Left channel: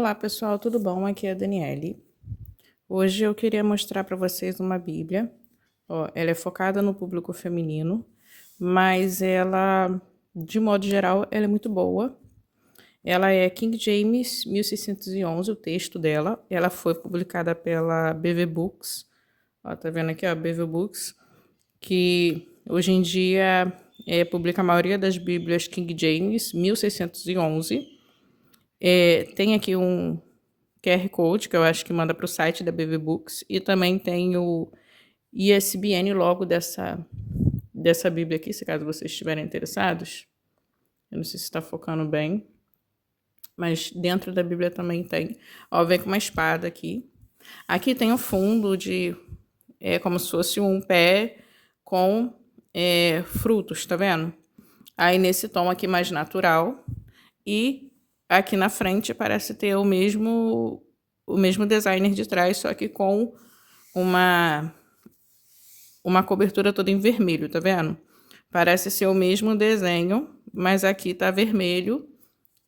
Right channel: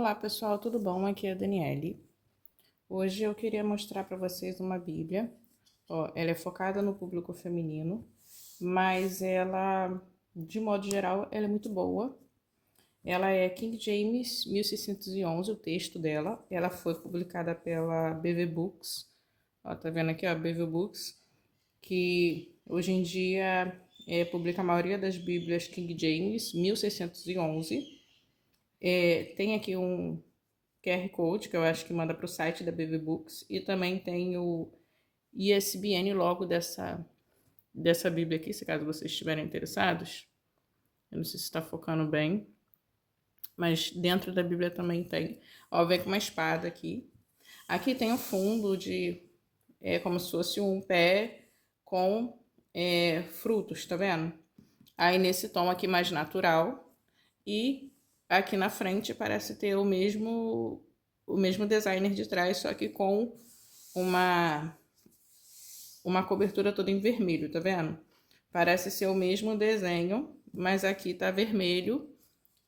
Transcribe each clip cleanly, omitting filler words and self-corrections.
Olá pessoal, tudo bom? Aqui é a Daniele. Hoje eu queria mostrar para vocês uma Bíblia. Ó, ela é focada no público feminino, mas ela, de modo geral, ela é muito boa. Ela é King James 1611, o texto dela. Ela foi publicada pela BV Books. Ó, tá vendo aqui, ó, BV Books, que hoje em dia publica a maioria das Bíblias King James 1611. Tem aqui um QR Code, que eu acho que manda para o site da BV Books, e também tem o ISBN logo dessa Bíblia aqui, se caso vocês estiverem interessados. Eu não sei se está focando bem, mas dentro da Bíblia também tem. Ó, vem com uma espada aqui. Aqui tem o fundo como se fosse um pé com frutos, tá vendo? Aí nesse tom aqui mais natural. E aqui na frente parece ter o mesmo designer de trás, só que com uma, uma cobertura toda em vermelho, tá vendo? Parece ser o mesmo desenho, mas aqui tá vermelho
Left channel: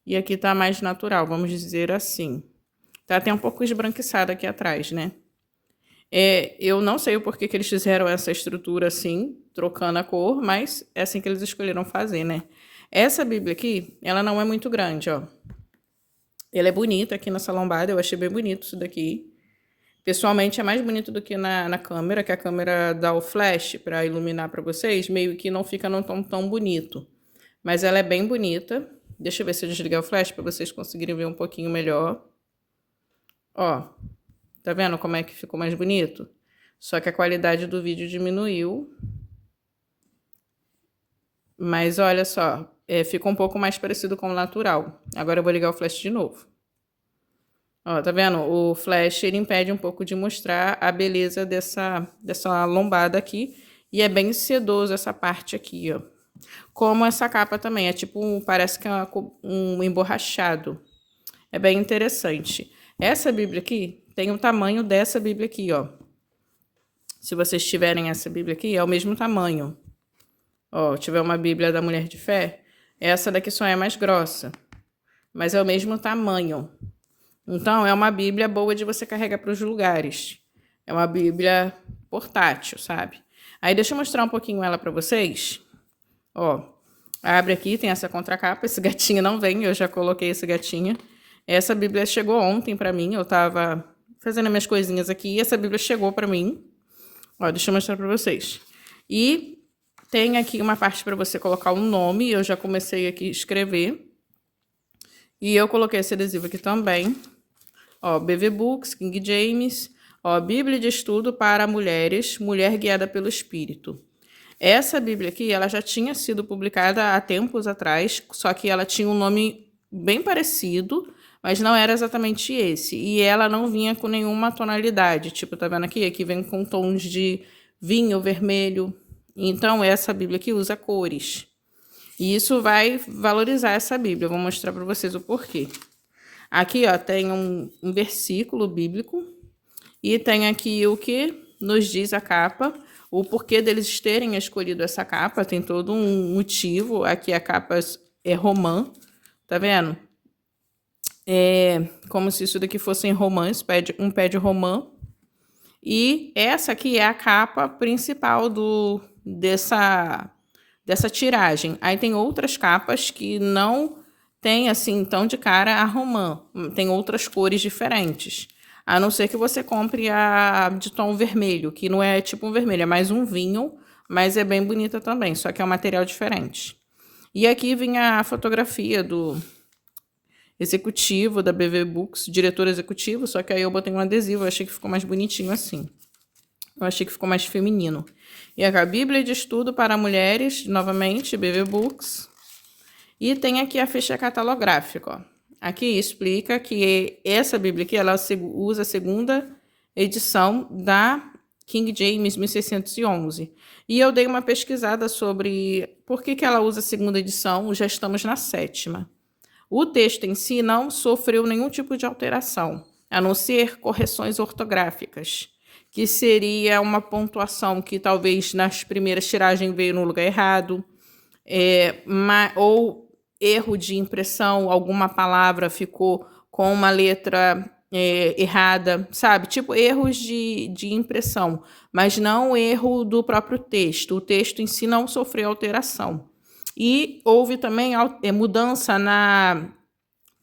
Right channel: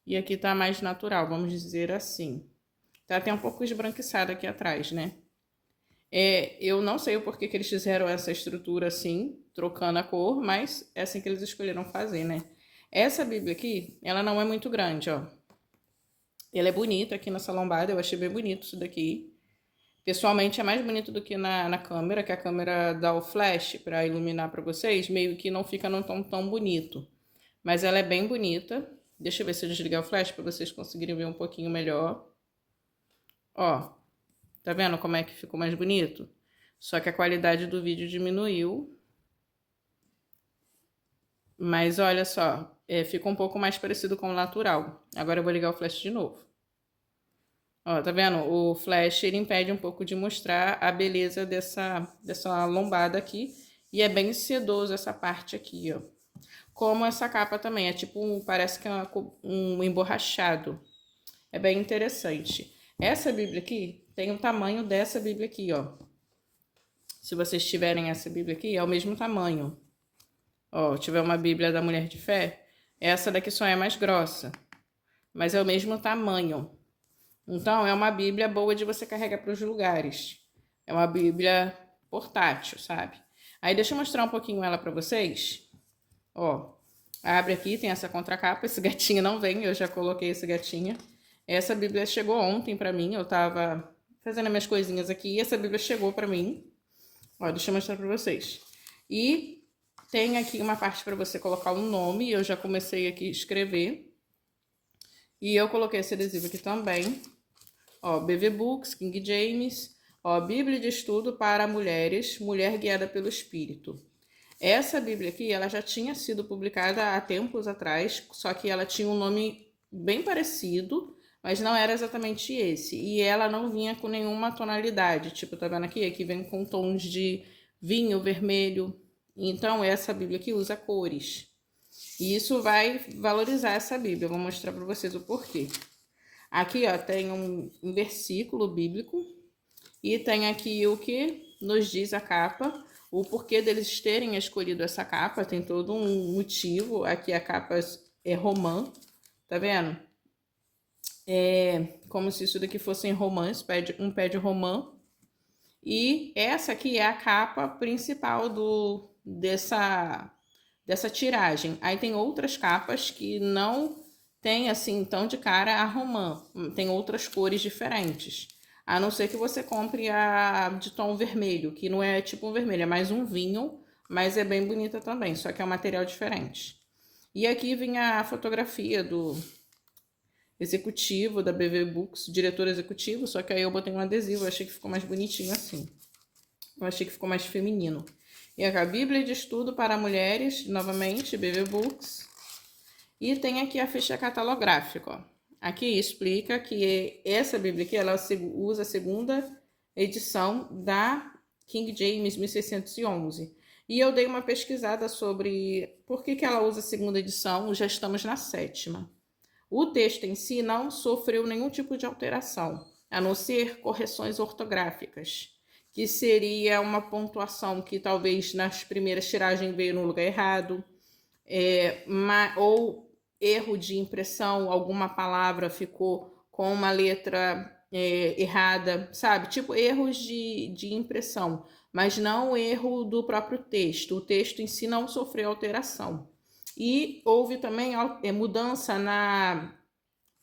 e aqui tá mais natural, vamos dizer assim. Tá até um pouco esbranquiçado aqui atrás, né? Eu não sei o porquê que eles fizeram essa estrutura assim, trocando a cor, mas é assim que eles escolheram fazer, né? Essa Bíblia aqui, ela não é muito grande, ó. Ela é bonita aqui nessa lombada, eu achei bem bonito isso daqui. Pessoalmente é mais bonito do que na câmera, que a câmera dá o flash para iluminar para vocês, meio que não fica num tom tão bonito. Mas ela é bem bonita. Deixa eu ver se eu desligar o flash para vocês conseguirem ver um pouquinho melhor. Ó, tá vendo como é que ficou mais bonito? Só que a qualidade do vídeo diminuiu. Mas olha só, fica um pouco mais parecido com o natural. Agora eu vou ligar o flash de novo. Ó, tá vendo? O flash, ele impede um pouco de mostrar a beleza dessa lombada aqui. E é bem sedoso essa parte aqui, ó. Como essa capa também, é tipo, parece que é um emborrachado. É bem interessante. Essa Bíblia aqui tem o tamanho dessa Bíblia aqui, ó. Se vocês tiverem essa Bíblia aqui, é o mesmo tamanho. Ó, tiver uma Bíblia da Mulher de Fé, essa daqui só é mais grossa. Mas é o mesmo tamanho. Então, é uma Bíblia boa de você carregar para os lugares. É uma Bíblia portátil, sabe? Aí, deixa eu mostrar um pouquinho ela para vocês. Ó, abre aqui, tem essa contracapa. Esse gatinho não vem, eu já coloquei esse gatinho. Essa Bíblia chegou ontem para mim. Eu tava fazendo minhas coisinhas aqui e essa Bíblia chegou para mim. Ó, deixa eu mostrar para vocês. E tem aqui uma parte para você colocar um nome. Eu já comecei aqui a escrever. E eu coloquei esse adesivo aqui também. Ó, BV Books, King James, ó, Bíblia de Estudo para Mulheres, Mulher Guiada pelo Espírito. Essa Bíblia aqui, ela já tinha sido publicada há tempos atrás, só que ela tinha um nome bem parecido, mas não era exatamente esse. E ela não vinha com nenhuma tonalidade, tipo, tá vendo aqui? Aqui vem com tons de vinho, vermelho. Então, essa Bíblia aqui usa cores. E isso vai valorizar essa Bíblia. Eu vou mostrar para vocês o porquê. Aqui, ó, tem um versículo bíblico e tem aqui o que nos diz a capa, o porquê deles terem escolhido essa capa, tem todo um motivo. Aqui a capa é romã, tá vendo? É como se isso daqui fosse em romã, um pé de romã. E essa aqui é a capa principal dessa tiragem. Aí tem outras capas que não tem assim tão de cara a romã, tem outras cores diferentes. A não ser que você compre a de tom vermelho, que não é tipo um vermelho, é mais um vinho, mas é bem bonita também, só que é um material diferente. E aqui vinha a fotografia do executivo da BV Books, diretor executivo, só que aí eu botei um adesivo, eu achei que ficou mais bonitinho assim. Eu achei que ficou mais feminino. E a Bíblia de Estudo para Mulheres, novamente, BV Books. E tem aqui a ficha catalográfica, ó. Aqui explica que essa Bíblia aqui, ela usa a segunda edição da King James 1611. E eu dei uma pesquisada sobre por que ela usa a segunda edição, já estamos na sétima. O texto em si não sofreu nenhum tipo de alteração, a não ser correções ortográficas, que seria uma pontuação que talvez nas primeiras tiragens veio no lugar errado, ou erro de impressão, alguma palavra ficou com uma letra errada, sabe? Tipo, erros de impressão, mas não o erro do próprio texto. O texto em si não sofreu alteração. E houve também mudança na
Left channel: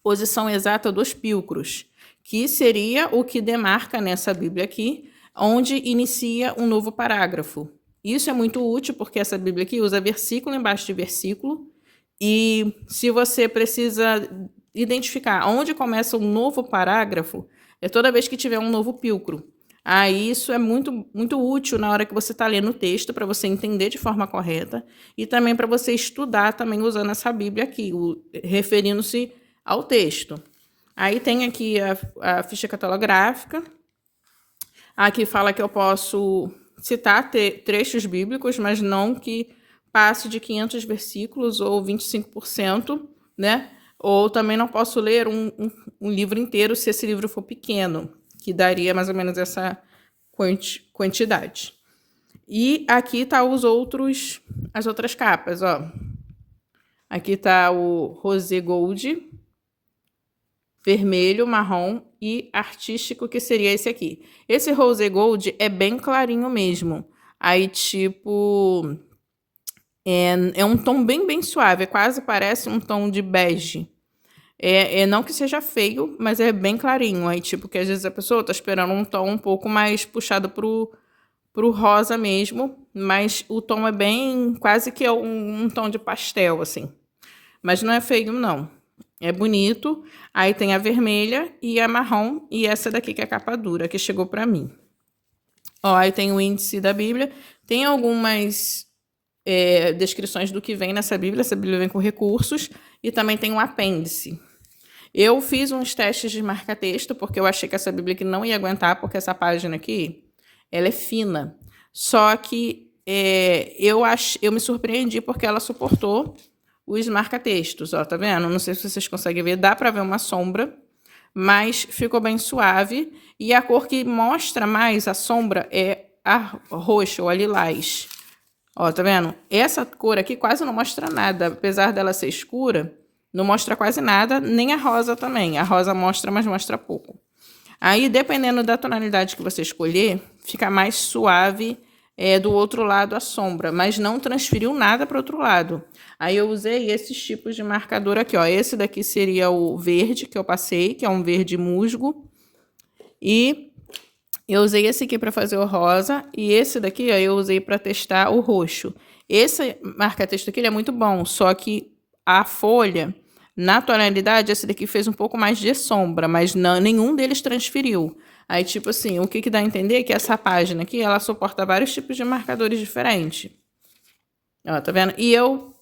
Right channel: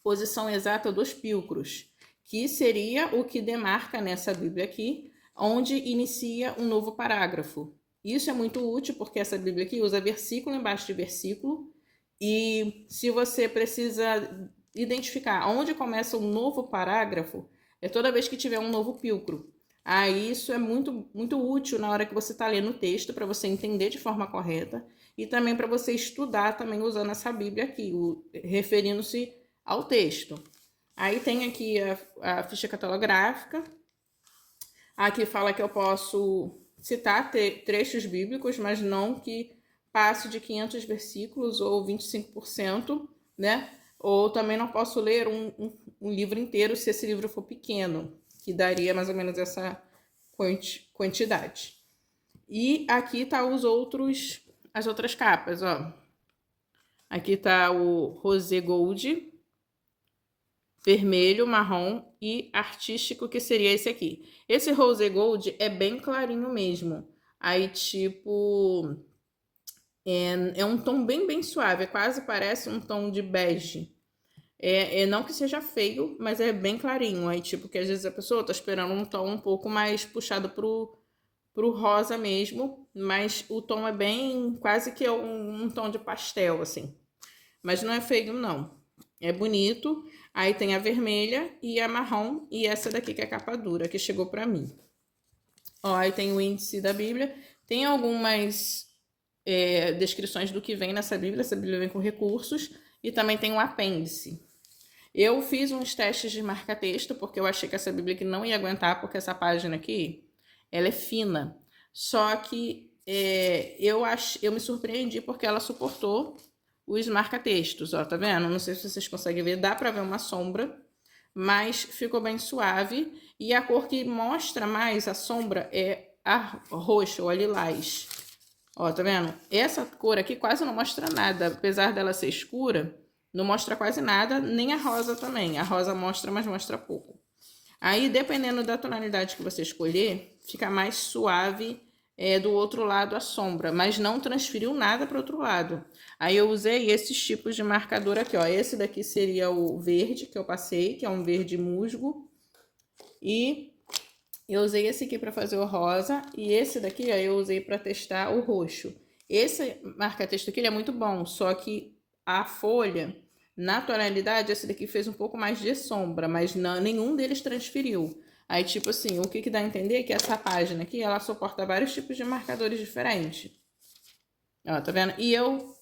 posição exata dos pílcros, que seria o que demarca nessa Bíblia aqui, onde inicia um novo parágrafo. Isso é muito útil porque essa Bíblia aqui usa versículo embaixo de versículo, e se você precisa identificar onde começa um novo parágrafo, é toda vez que tiver um novo pílcro. Aí isso é muito, muito útil na hora que você está lendo o texto, para você entender de forma correta, e também para você estudar também usando essa Bíblia aqui, referindo-se ao texto. Aí tem aqui a ficha catalográfica. Aqui fala que eu posso citar trechos bíblicos, mas não que passe de 500 versículos ou 25%, né? Ou também não posso ler um livro inteiro se esse livro for pequeno, que daria mais ou menos essa quantidade. E aqui tá as outras capas, ó. Aqui tá o Rosé Gold, vermelho, marrom e artístico, que seria esse aqui. Esse Rose Gold é bem clarinho mesmo. Aí, tipo, é um tom bem suave, quase parece um tom de bege. Não que seja feio, mas é bem clarinho. Aí, tipo, que às vezes a pessoa tá esperando um tom um pouco mais puxado pro rosa mesmo, mas o tom é bem, quase que é um tom de pastel, assim. Mas não é feio, não. É bonito. Aí tem a vermelha e a marrom e essa daqui que é a capa dura, que chegou para mim. Ó, aí tem o índice da Bíblia. Tem algumas descrições do que vem nessa Bíblia. Essa Bíblia vem com recursos e também tem um apêndice. Eu fiz uns testes de marca-texto porque eu achei que essa Bíblia aqui não ia aguentar, porque essa página aqui, ela é fina. Só que eu me surpreendi porque ela suportou os marca-textos, ó, tá vendo? Não sei se vocês conseguem ver, dá para ver uma sombra, mas ficou bem suave. E a cor que mostra mais a sombra é a roxa ou a lilás. Ó, tá vendo? Essa cor aqui quase não mostra nada, apesar dela ser escura, não mostra quase nada, nem a rosa também. A rosa mostra, mas mostra pouco. Aí, dependendo da tonalidade que você escolher, fica mais suave do outro lado a sombra, mas não transferiu nada para o outro lado. Aí eu usei esses tipos de marcador aqui, ó. Esse daqui seria o verde que eu passei, que é um verde musgo. E eu usei esse aqui para fazer o rosa. E esse daqui, ó, eu usei para testar o roxo. Esse marca-texto aqui ele é muito bom, só que a folha, na tonalidade, esse daqui fez um pouco mais de sombra, mas não, nenhum deles transferiu. Aí, tipo assim, o que dá a entender é que essa página aqui, ela suporta vários tipos de marcadores diferentes. Ó, tá vendo? E eu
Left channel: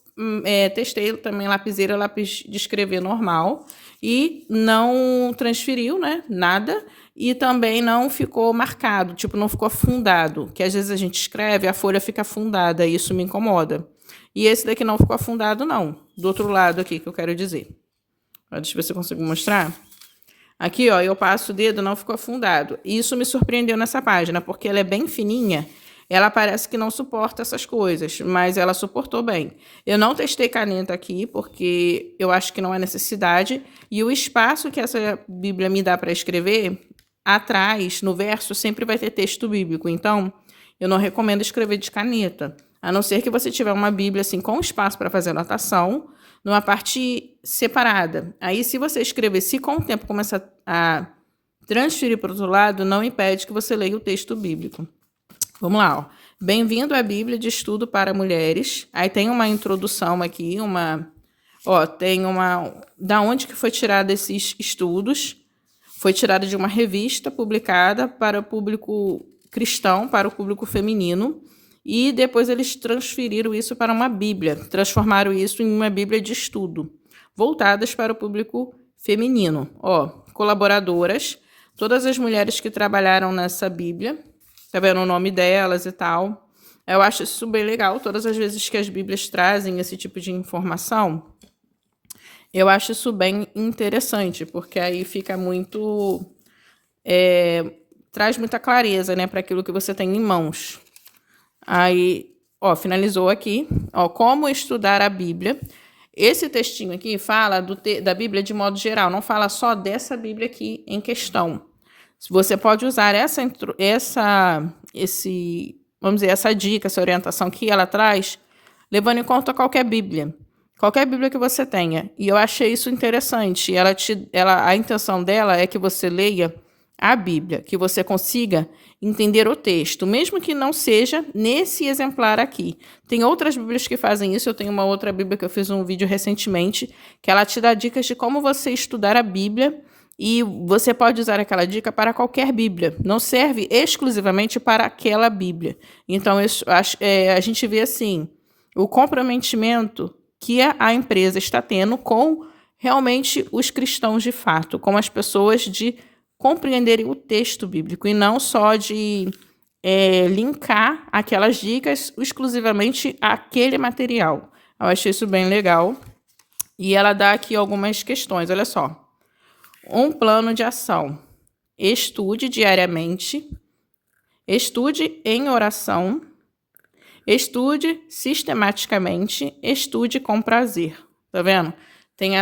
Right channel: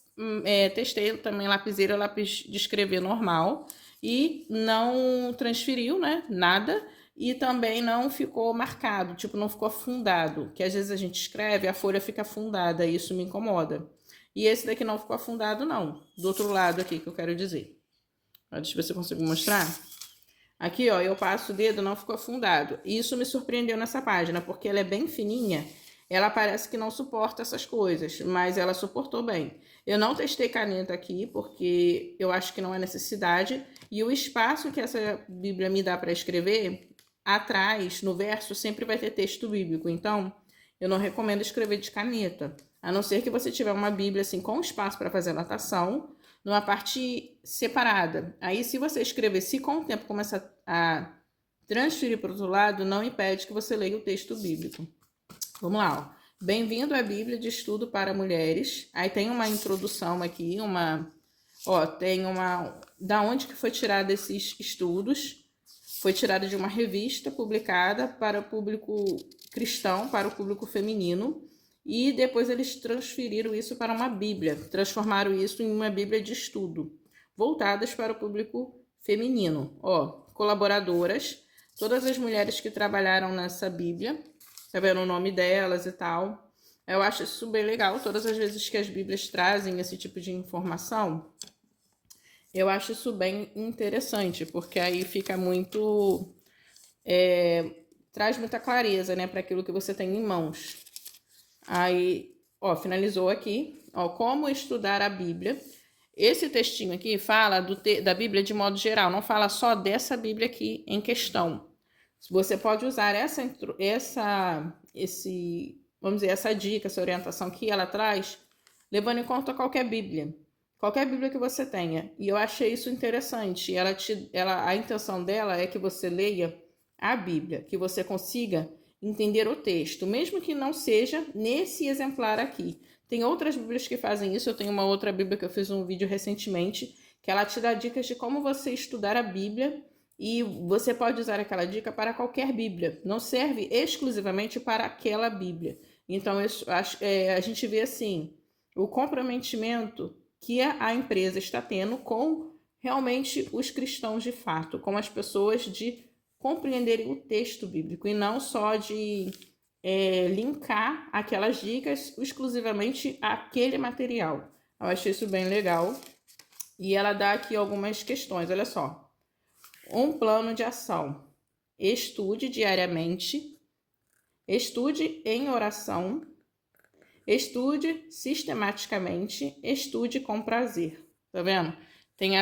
testei também lapiseira, lápis de escrever normal. E não transferiu, né? Nada. E também não ficou marcado, tipo, não ficou afundado. Que às vezes a gente escreve, a folha fica afundada, e isso me incomoda. E esse daqui não ficou afundado, não. Do outro lado aqui, que eu quero dizer. Ó, deixa eu ver se eu consigo mostrar. Aqui, ó, eu passo o dedo, não ficou afundado. E isso me surpreendeu nessa página, porque ela é bem fininha. Ela parece que não suporta essas coisas, mas ela suportou bem. Eu não testei caneta aqui, porque eu acho que não há necessidade. E o espaço que essa Bíblia me dá para escrever, atrás, no verso, sempre vai ter texto bíblico. Então, eu não recomendo escrever de caneta. A não ser que você tiver uma Bíblia assim com espaço para fazer anotação, numa parte separada. Aí, se você escrever, se com o tempo começar a transferir para o outro lado, não impede que você leia o texto bíblico. Vamos lá, ó. Bem-vindo à Bíblia de Estudo para Mulheres. Aí tem uma introdução aqui, tem uma... Da onde que foi tirado esses estudos? Foi tirado de uma revista publicada para o público cristão, para o público feminino. E depois eles transferiram isso para uma Bíblia, transformaram isso em uma Bíblia de estudo, voltadas para o público feminino. Ó, colaboradoras, todas as mulheres que trabalharam nessa Bíblia, tá vendo o nome delas e tal. Eu acho isso bem legal, todas as vezes que as Bíblias trazem esse tipo de informação, eu acho isso bem interessante, porque aí fica muito... traz muita clareza, né, para aquilo que você tem em mãos. Aí, ó, finalizou aqui. Ó, como estudar a Bíblia. esse textinho aqui fala da Bíblia de modo geral, não fala só dessa Bíblia aqui em questão. Você pode usar vamos dizer, essa dica, essa orientação que ela traz, levando em conta qualquer Bíblia que você tenha. E eu achei isso interessante. A intenção dela é que você leia a Bíblia, que você consiga entender o texto, mesmo que não seja nesse exemplar aqui. Tem outras Bíblias que fazem isso. Eu tenho uma outra Bíblia que eu fiz um vídeo recentemente, que ela te dá dicas de como você estudar a Bíblia, e você pode usar aquela dica para qualquer Bíblia. Não serve exclusivamente para aquela Bíblia. Então, a gente vê assim, o comprometimento que a empresa está tendo com realmente os cristãos de fato, com as pessoas de compreenderem o texto bíblico e não só de linkar aquelas dicas exclusivamente àquele material. Eu achei isso bem legal. E ela dá aqui algumas questões, olha só. Um plano de ação. Estude diariamente. Estude em oração. Estude sistematicamente, estude com prazer. Tá vendo? Tem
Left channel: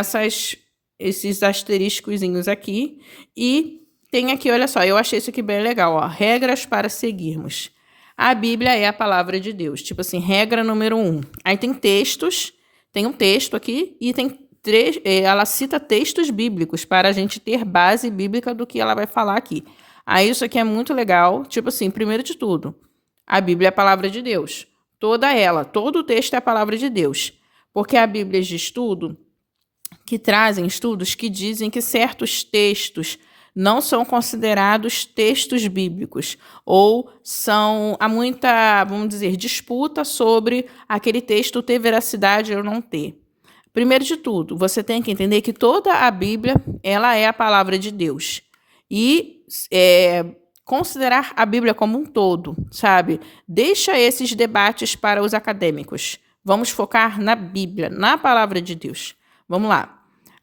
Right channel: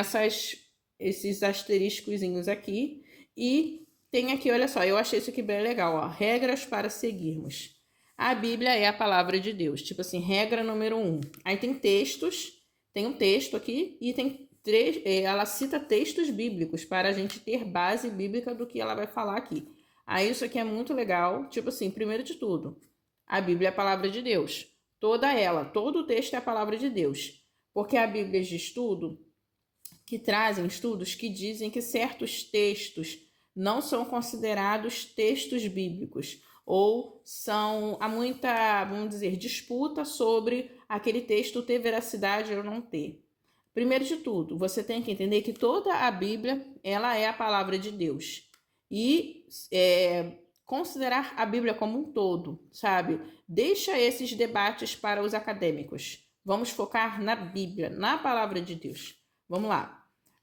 esses asteriscozinhos aqui. E tem aqui, olha só, eu achei isso aqui bem legal, ó. Regras para seguirmos. A Bíblia é a palavra de Deus. Tipo assim, regra número 1. Aí tem textos, tem um texto aqui e ela cita textos bíblicos para a gente ter base bíblica do que ela vai falar aqui. Aí isso aqui é muito legal. Tipo assim, primeiro de tudo, a Bíblia é a palavra de Deus. Todo o texto é a palavra de Deus. Porque há Bíblias de estudo que trazem estudos que dizem que certos textos não são considerados textos bíblicos, ou há muita, vamos dizer, disputa sobre aquele texto ter veracidade ou não ter. Primeiro de tudo, você tem que entender que toda a Bíblia, ela é a palavra de Deus. E considerar a Bíblia como um todo, sabe? Deixa esses debates para os acadêmicos. Vamos focar na Bíblia, na palavra de Deus. Vamos lá.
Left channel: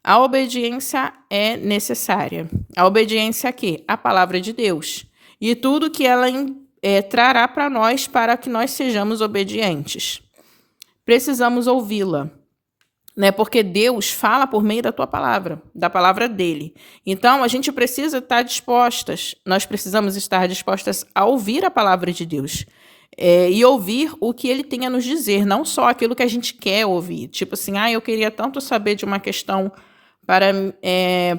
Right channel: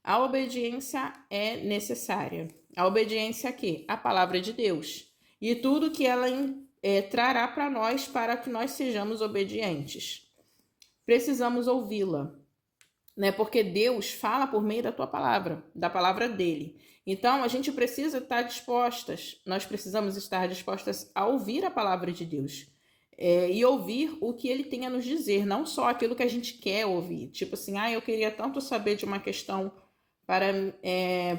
A obediência é necessária. A obediência a quê? A palavra de Deus. E tudo que ela trará para nós para que nós sejamos obedientes. Precisamos ouvi-la. Né? Porque Deus fala por meio da tua palavra, da palavra dele. Então, a gente precisa estar dispostas, nós precisamos estar dispostas a ouvir a palavra de Deus. E ouvir o que ele tem a nos dizer, não só aquilo que a gente quer ouvir. Tipo assim, eu queria tanto saber de uma questão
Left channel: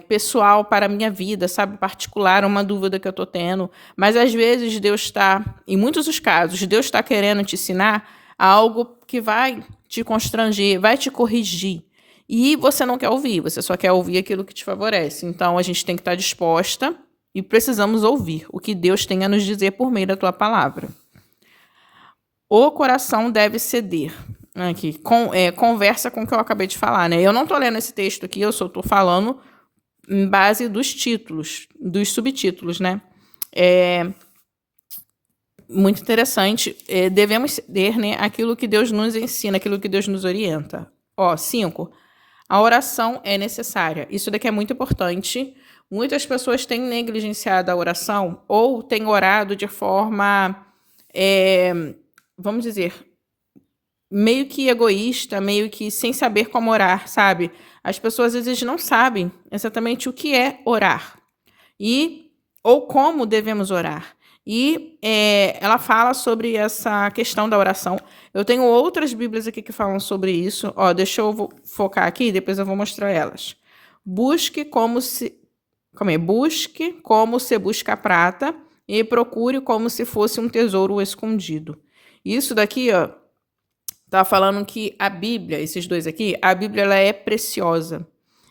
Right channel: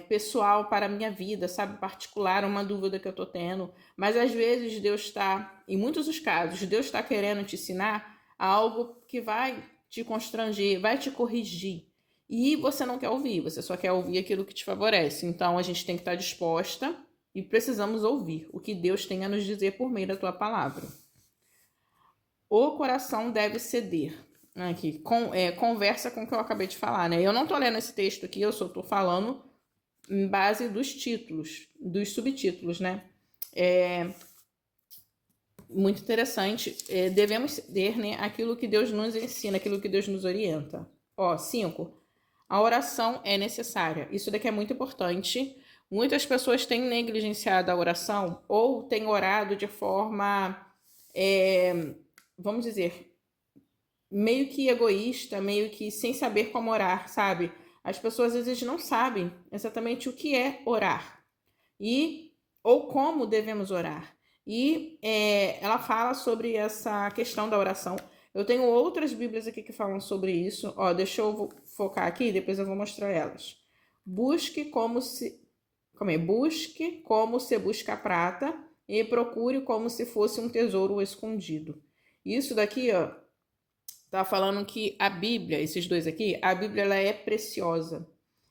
pessoal para a minha vida, sabe, particular, uma dúvida que eu estou tendo. Mas às vezes Deus está, em muitos dos casos, Deus está querendo te ensinar algo que vai te constranger, vai te corrigir. E você não quer ouvir, você só quer ouvir aquilo que te favorece. Então, a gente tem que estar disposta e precisamos ouvir o que Deus tem a nos dizer por meio da tua palavra. O coração deve ceder. Aqui, conversa com o que eu acabei de falar, né? Eu não estou lendo esse texto aqui, eu só estou falando em base dos títulos, dos subtítulos, né? Muito interessante. Devemos ceder, né, aquilo que Deus nos ensina, aquilo que Deus nos orienta. 5. A oração é necessária. Isso daqui é muito importante. Muitas pessoas têm negligenciado a oração ou têm orado de forma, vamos dizer, meio que egoísta, meio que sem saber como orar, sabe? As pessoas às vezes não sabem exatamente o que é orar ou como devemos orar. E ela fala sobre essa questão da oração. Eu tenho outras Bíblias aqui que falam sobre isso. Deixa eu focar aqui, depois eu vou mostrar elas. Busque como se busca a prata e procure como se fosse um tesouro escondido. Isso daqui, tá falando que a Bíblia, esses dois aqui, a Bíblia ela é preciosa.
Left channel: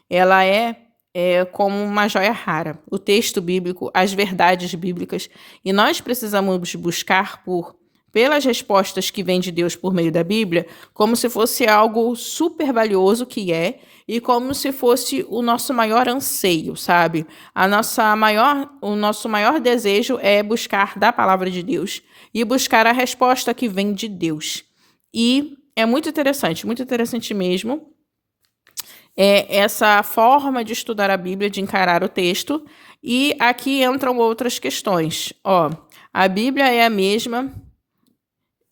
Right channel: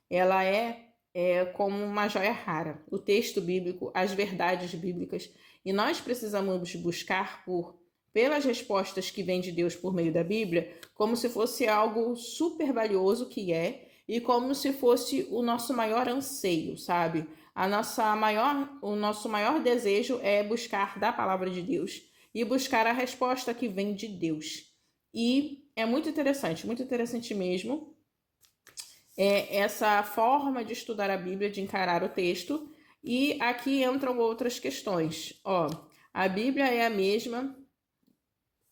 Ela é como uma joia rara. O texto bíblico, as verdades bíblicas. E nós precisamos buscar pelas respostas que vêm de Deus por meio da Bíblia, como se fosse algo super valioso que e como se fosse o nosso maior anseio, sabe? O nosso maior desejo é buscar da palavra de Deus e buscar a resposta que vem de Deus. E é muito interessante mesmo, essa forma de estudar a Bíblia, de encarar o texto. E aqui entram outras questões. A Bíblia é a mesma.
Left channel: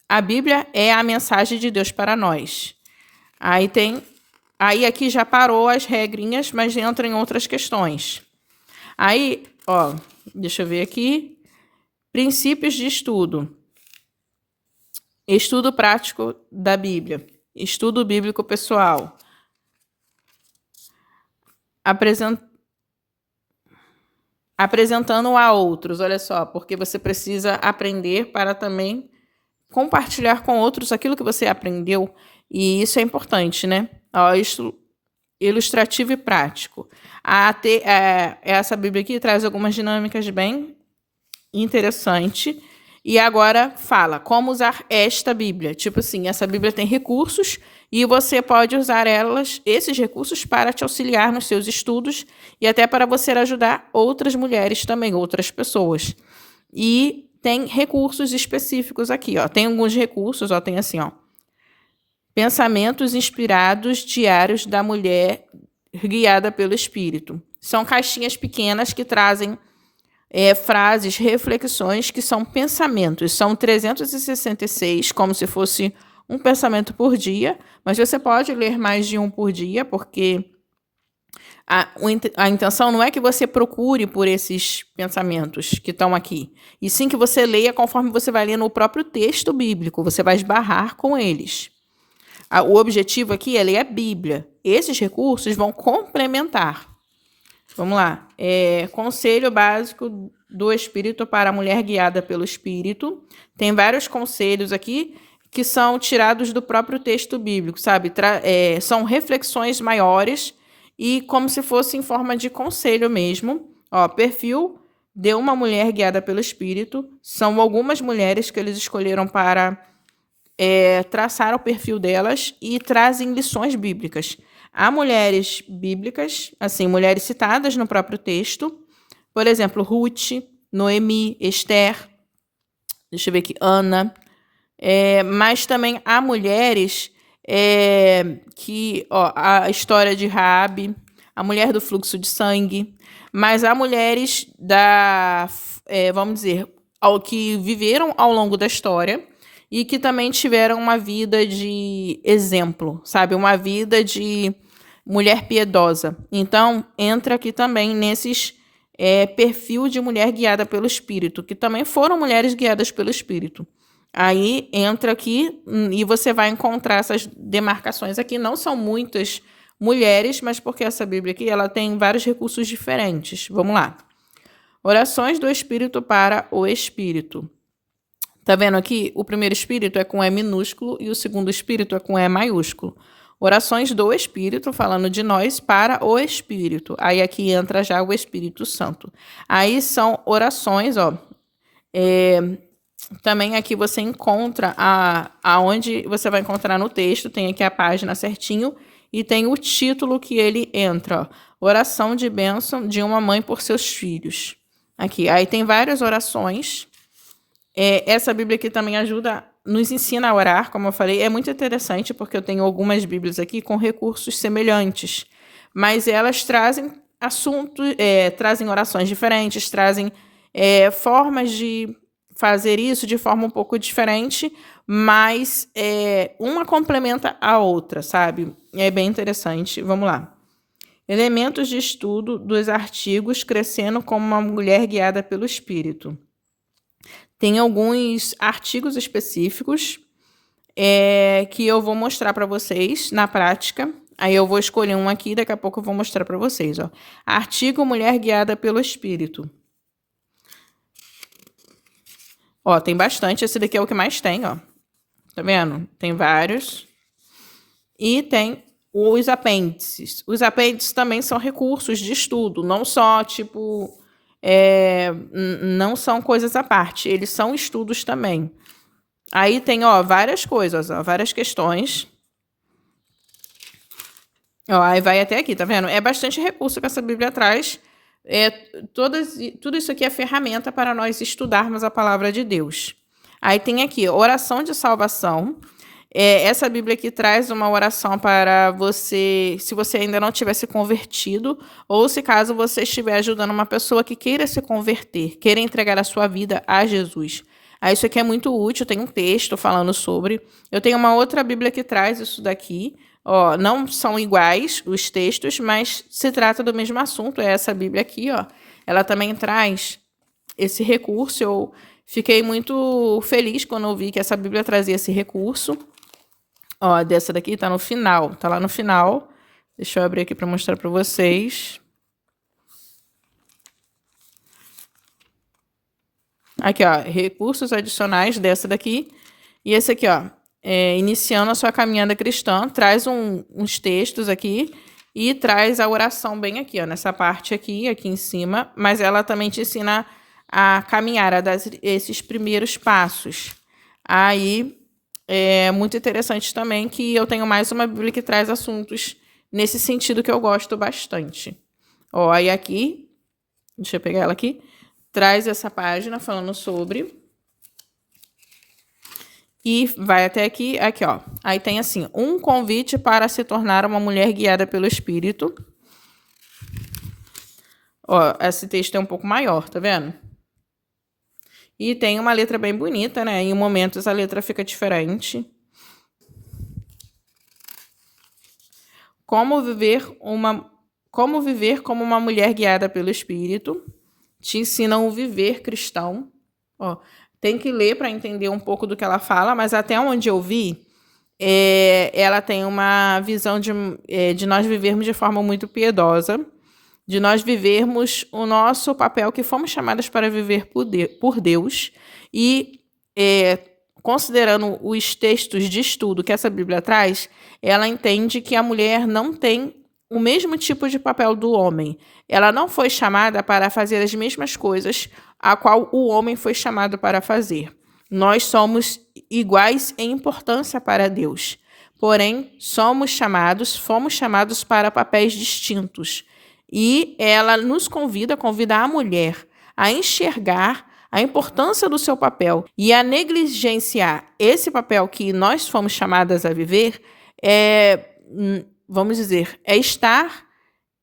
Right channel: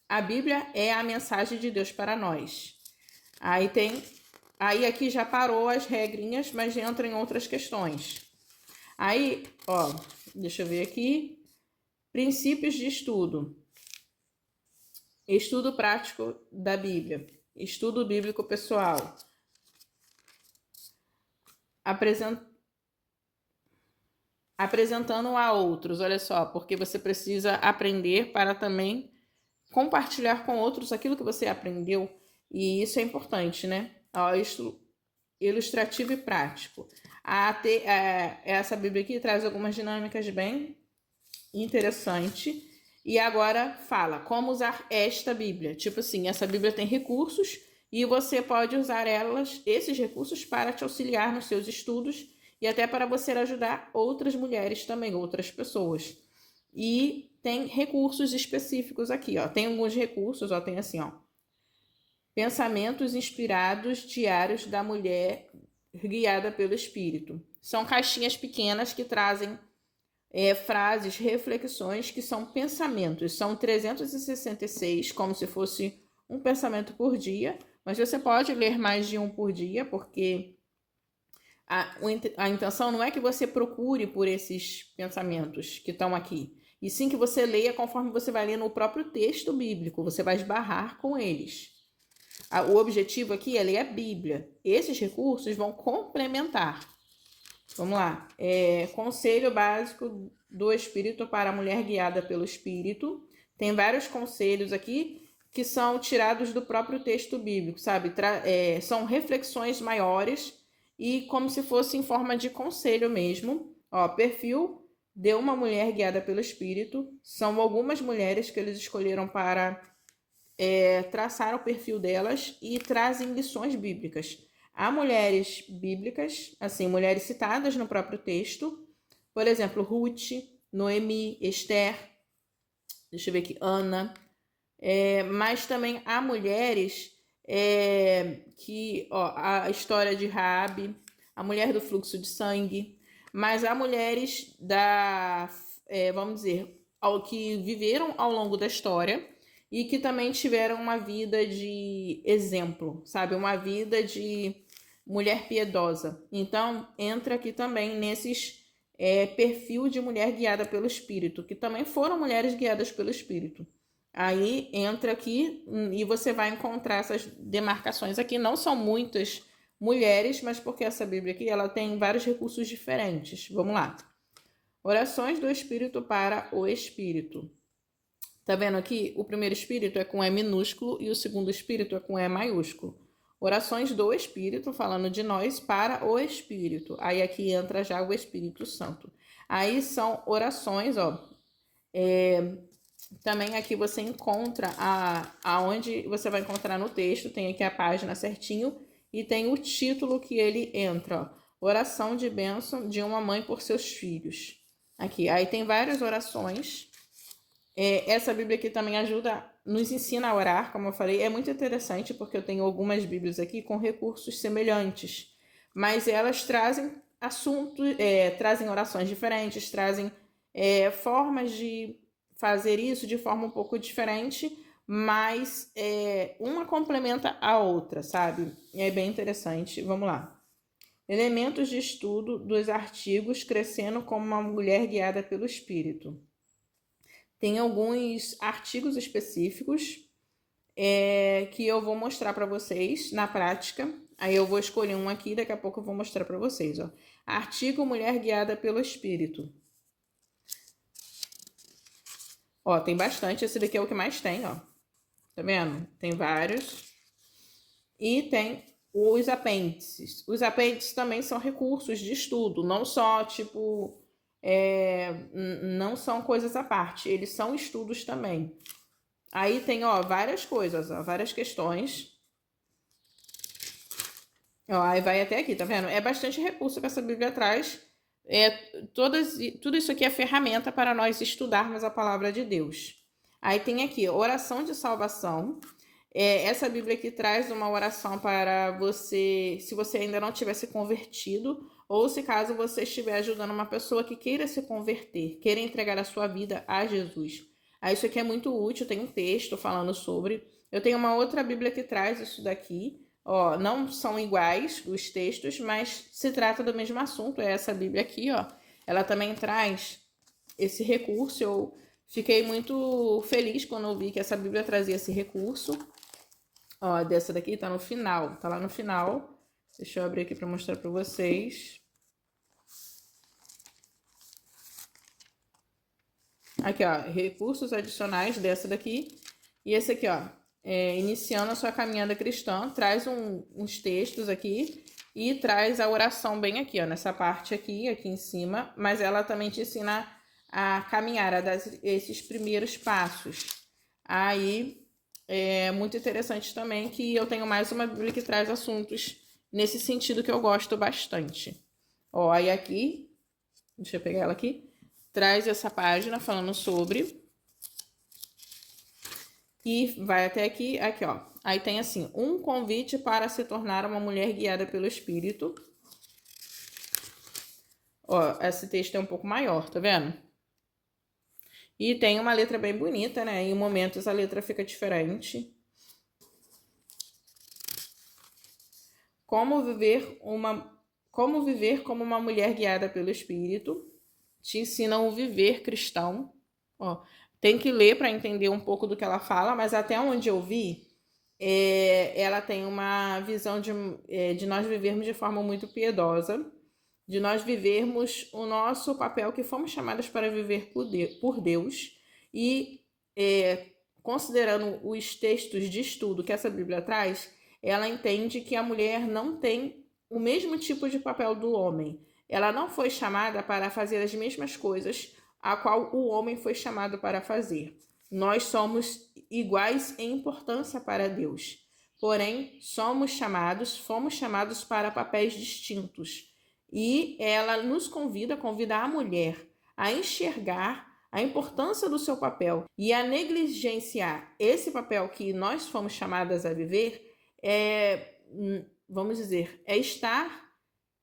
A Bíblia é a mensagem de Deus para nós. Aí tem Aí aqui já parou as regrinhas, mas entra em outras questões. Aí, ó, deixa eu ver aqui. Princípios de estudo. Estudo prático da Bíblia. Estudo bíblico pessoal. Apresentando a outros, olha só, porque você precisa aprender para também compartilhar com outros aquilo que você aprendeu. E isso é importante, né? Ó, ilustrativo e prático. Essa Bíblia aqui traz algumas dinâmicas bem interessantes. E agora fala como usar esta Bíblia. Tipo assim, essa Bíblia tem recursos e você pode usar esses recursos para te auxiliar nos seus estudos e até para você ajudar outras mulheres também, outras pessoas. E tem recursos específicos aqui, ó. Tem alguns recursos, ó, tem assim, ó. Pensamentos inspirados diários da mulher guiada pelo Espírito. São caixinhas pequenas que trazem frases, reflexões que são pensamentos. São 366, como se fosse um pensamento por dia, mas você pode ler mais de um por dia, porque a intenção não é que você procure por esses pensamentos que estão aqui, e sim que você leia conforme você vai lendo o próprio texto bíblico, você vai esbarrar com eles. O objetivo aqui é ler a Bíblia. Esses recursos vão complementar. Vamos lá. Conselho básico do Espírito para a mulher guiada pelo Espírito. Tem vários conselhos aqui que são tirados do próprio texto bíblico, sabe? São reflexões maiores e como se fosse em forma de conselho mesmo. Ó, perfil de uma mulher guiada pelo Espírito. São algumas mulheres que eles escolheram para traçar o perfil delas e trazem lições bíblicas. Há mulheres bíblicas, assim, mulheres citadas no próprio texto, por exemplo, Ruth, Noemi, Esther, deixa eu ver aqui, Ana, mas também há mulheres a história de Raabe, a mulher do fluxo de sangue, mas há mulheres vamos dizer, que viveram ao longo da história e que também tiveram uma vida de exemplo, sabe? Uma vida de mulher piedosa. Então, entra aqui também nesses perfil de mulher guiada pelo Espírito, que também foram mulheres guiadas pelo Espírito. Aí, entra aqui e você vai encontrar essas demarcações aqui. Não são muitas mulheres, mas porque essa Bíblia aqui ela tem vários recursos diferentes. Vamos lá. Orações do Espírito para o Espírito. Tá vendo aqui? O primeiro espírito é com E minúsculo e o segundo espírito é com E maiúsculo. Orações do Espírito, falando de nós, para o Espírito. Aí aqui entra já o Espírito Santo. Aí são orações, ó. Também aqui você encontra aonde você vai encontrar no texto, tem aqui a página certinho e tem o título que ele entra, ó. Oração de bênção de uma mãe por seus filhos. Aqui, aí tem várias orações. Essa Bíblia aqui também nos ensina a orar, como eu falei. É muito interessante porque eu tenho algumas Bíblias aqui com recursos semelhantes, mas elas trazem assuntos, trazem orações diferentes, trazem formas de fazer isso de forma um pouco diferente, mas uma complementa a outra, sabe? É bem interessante. Vamos lá. Elementos de estudo dos artigos Crescendo como uma Mulher Guiada pelo Espírito. Tem alguns artigos específicos que eu vou mostrar para vocês na prática. Aí eu vou escolher um aqui, daqui a pouco eu vou mostrar para vocês. Ó. Artigo Mulher Guiada pelo Espírito. Ó, tem bastante. Esse daqui é o que mais tem, ó. Tá vendo? Tem vários. E tem os apêndices. Os apêndices também são recursos de estudo, não só, tipo... não são coisas à parte, eles são estudos também. Aí tem, ó, várias coisas, ó, várias questões. Ó, aí vai até aqui, tá vendo? É bastante recurso que essa Bíblia traz. Tudo isso aqui é ferramenta para nós estudarmos a palavra de Deus. Aí tem aqui, oração de salvação. Essa Bíblia aqui traz uma oração para você, se você ainda não tiver se convertido, ou se caso você estiver ajudando uma pessoa que queira se converter, queira entregar a sua vida a Jesus. Aí isso aqui é muito útil, tem um texto falando sobre. Eu tenho uma outra Bíblia que traz isso daqui, Ó, não são iguais os textos, mas se trata do mesmo assunto. É essa Bíblia aqui, ó. Ela também traz esse recurso. Eu fiquei muito feliz quando eu vi que essa Bíblia trazia esse recurso. Ó, dessa daqui tá no final, tá lá no final. Deixa eu abrir aqui para mostrar para vocês. Aqui, ó, recursos adicionais dessa daqui. E esse aqui, ó, iniciando a sua caminhada cristã, traz uns textos aqui e traz a oração bem aqui, ó, nessa parte aqui em cima, mas ela também te ensina a caminhar, a dar esses primeiros passos. Aí, é muito interessante também que eu tenho mais uma Bíblia que traz assuntos nesse sentido que eu gosto bastante. Ó, aí aqui, deixa eu pegar ela aqui, traz essa página falando sobre... E vai até aqui, ó. Aí tem assim, um convite para se tornar uma mulher guiada pelo Espírito. Ó, esse texto é um pouco maior, tá vendo? E tem uma letra bem bonita, né? Em momentos a letra fica diferente. Como viver como uma mulher guiada pelo Espírito. Te ensinam o viver cristão. Ó, tem que ler para entender um pouco do que ela fala, mas até onde eu vi, ela tem uma visão de nós vivermos de forma muito piedosa, de nós vivermos o nosso papel que fomos chamadas para viver por Deus e, considerando os textos de estudo que essa Bíblia traz, ela entende que a mulher não tem o mesmo tipo de papel do homem. Ela não foi chamada para fazer as mesmas coisas a qual o homem foi chamado para fazer. Nós somos iguais em importância para Deus. Porém, fomos chamados para papéis distintos. E ela nos convida a mulher a enxergar a importância do seu papel e a negligenciar esse papel que nós fomos chamadas a viver, vamos dizer, é estar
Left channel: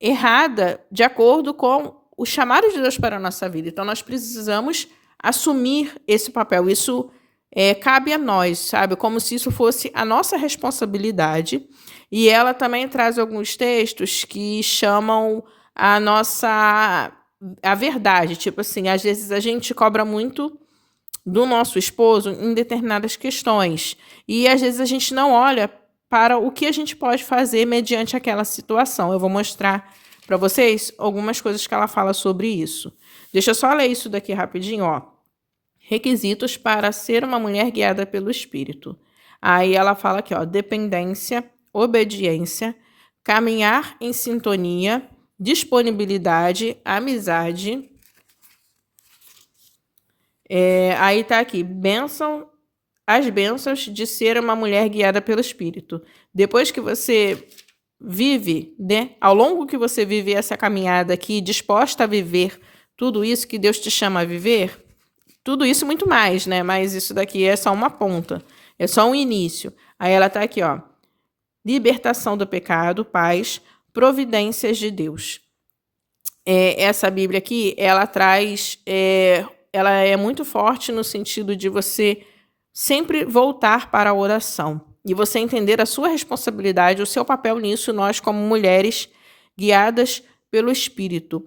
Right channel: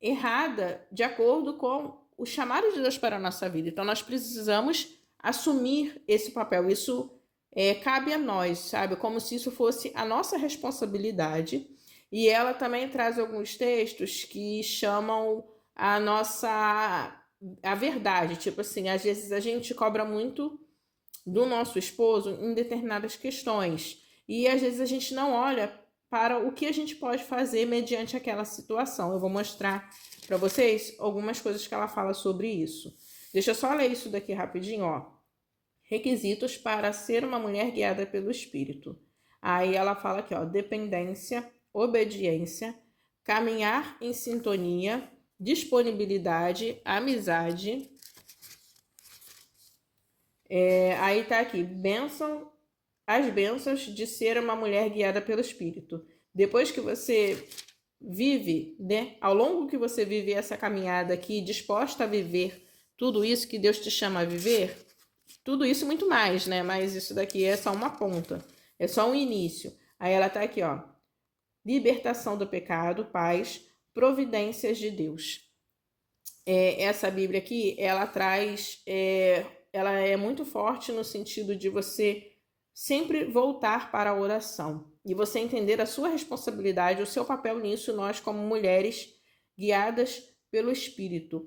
errada de acordo com o chamado de Deus para a nossa vida. Então, nós precisamos assumir esse papel. Isso cabe a nós, sabe? Como se isso fosse a nossa responsabilidade. E ela também traz alguns textos que chamam a verdade. Tipo assim, às vezes a gente cobra muito do nosso esposo em determinadas questões. E às vezes a gente não olha para o que a gente pode fazer mediante aquela situação. Eu vou mostrar para vocês algumas coisas que ela fala sobre isso. Deixa eu só ler isso daqui rapidinho, ó. Requisitos para ser uma mulher guiada pelo Espírito. Aí ela fala aqui, ó, dependência, obediência, caminhar em sintonia, disponibilidade, amizade. Aí tá aqui, as bênçãos de ser uma mulher guiada pelo Espírito. Depois que você vive, né, ao longo que você vive essa caminhada aqui, disposta a viver tudo isso que Deus te chama a viver, tudo isso muito mais, né? Mas isso daqui é só uma ponta, é só um início. Aí ela tá aqui, ó, libertação do pecado, paz, providências de Deus. Essa Bíblia aqui, ela traz, ela é muito forte no sentido de você sempre voltar para a oração e você entender a sua responsabilidade, o seu papel nisso, nós como mulheres guiadas pelo Espírito,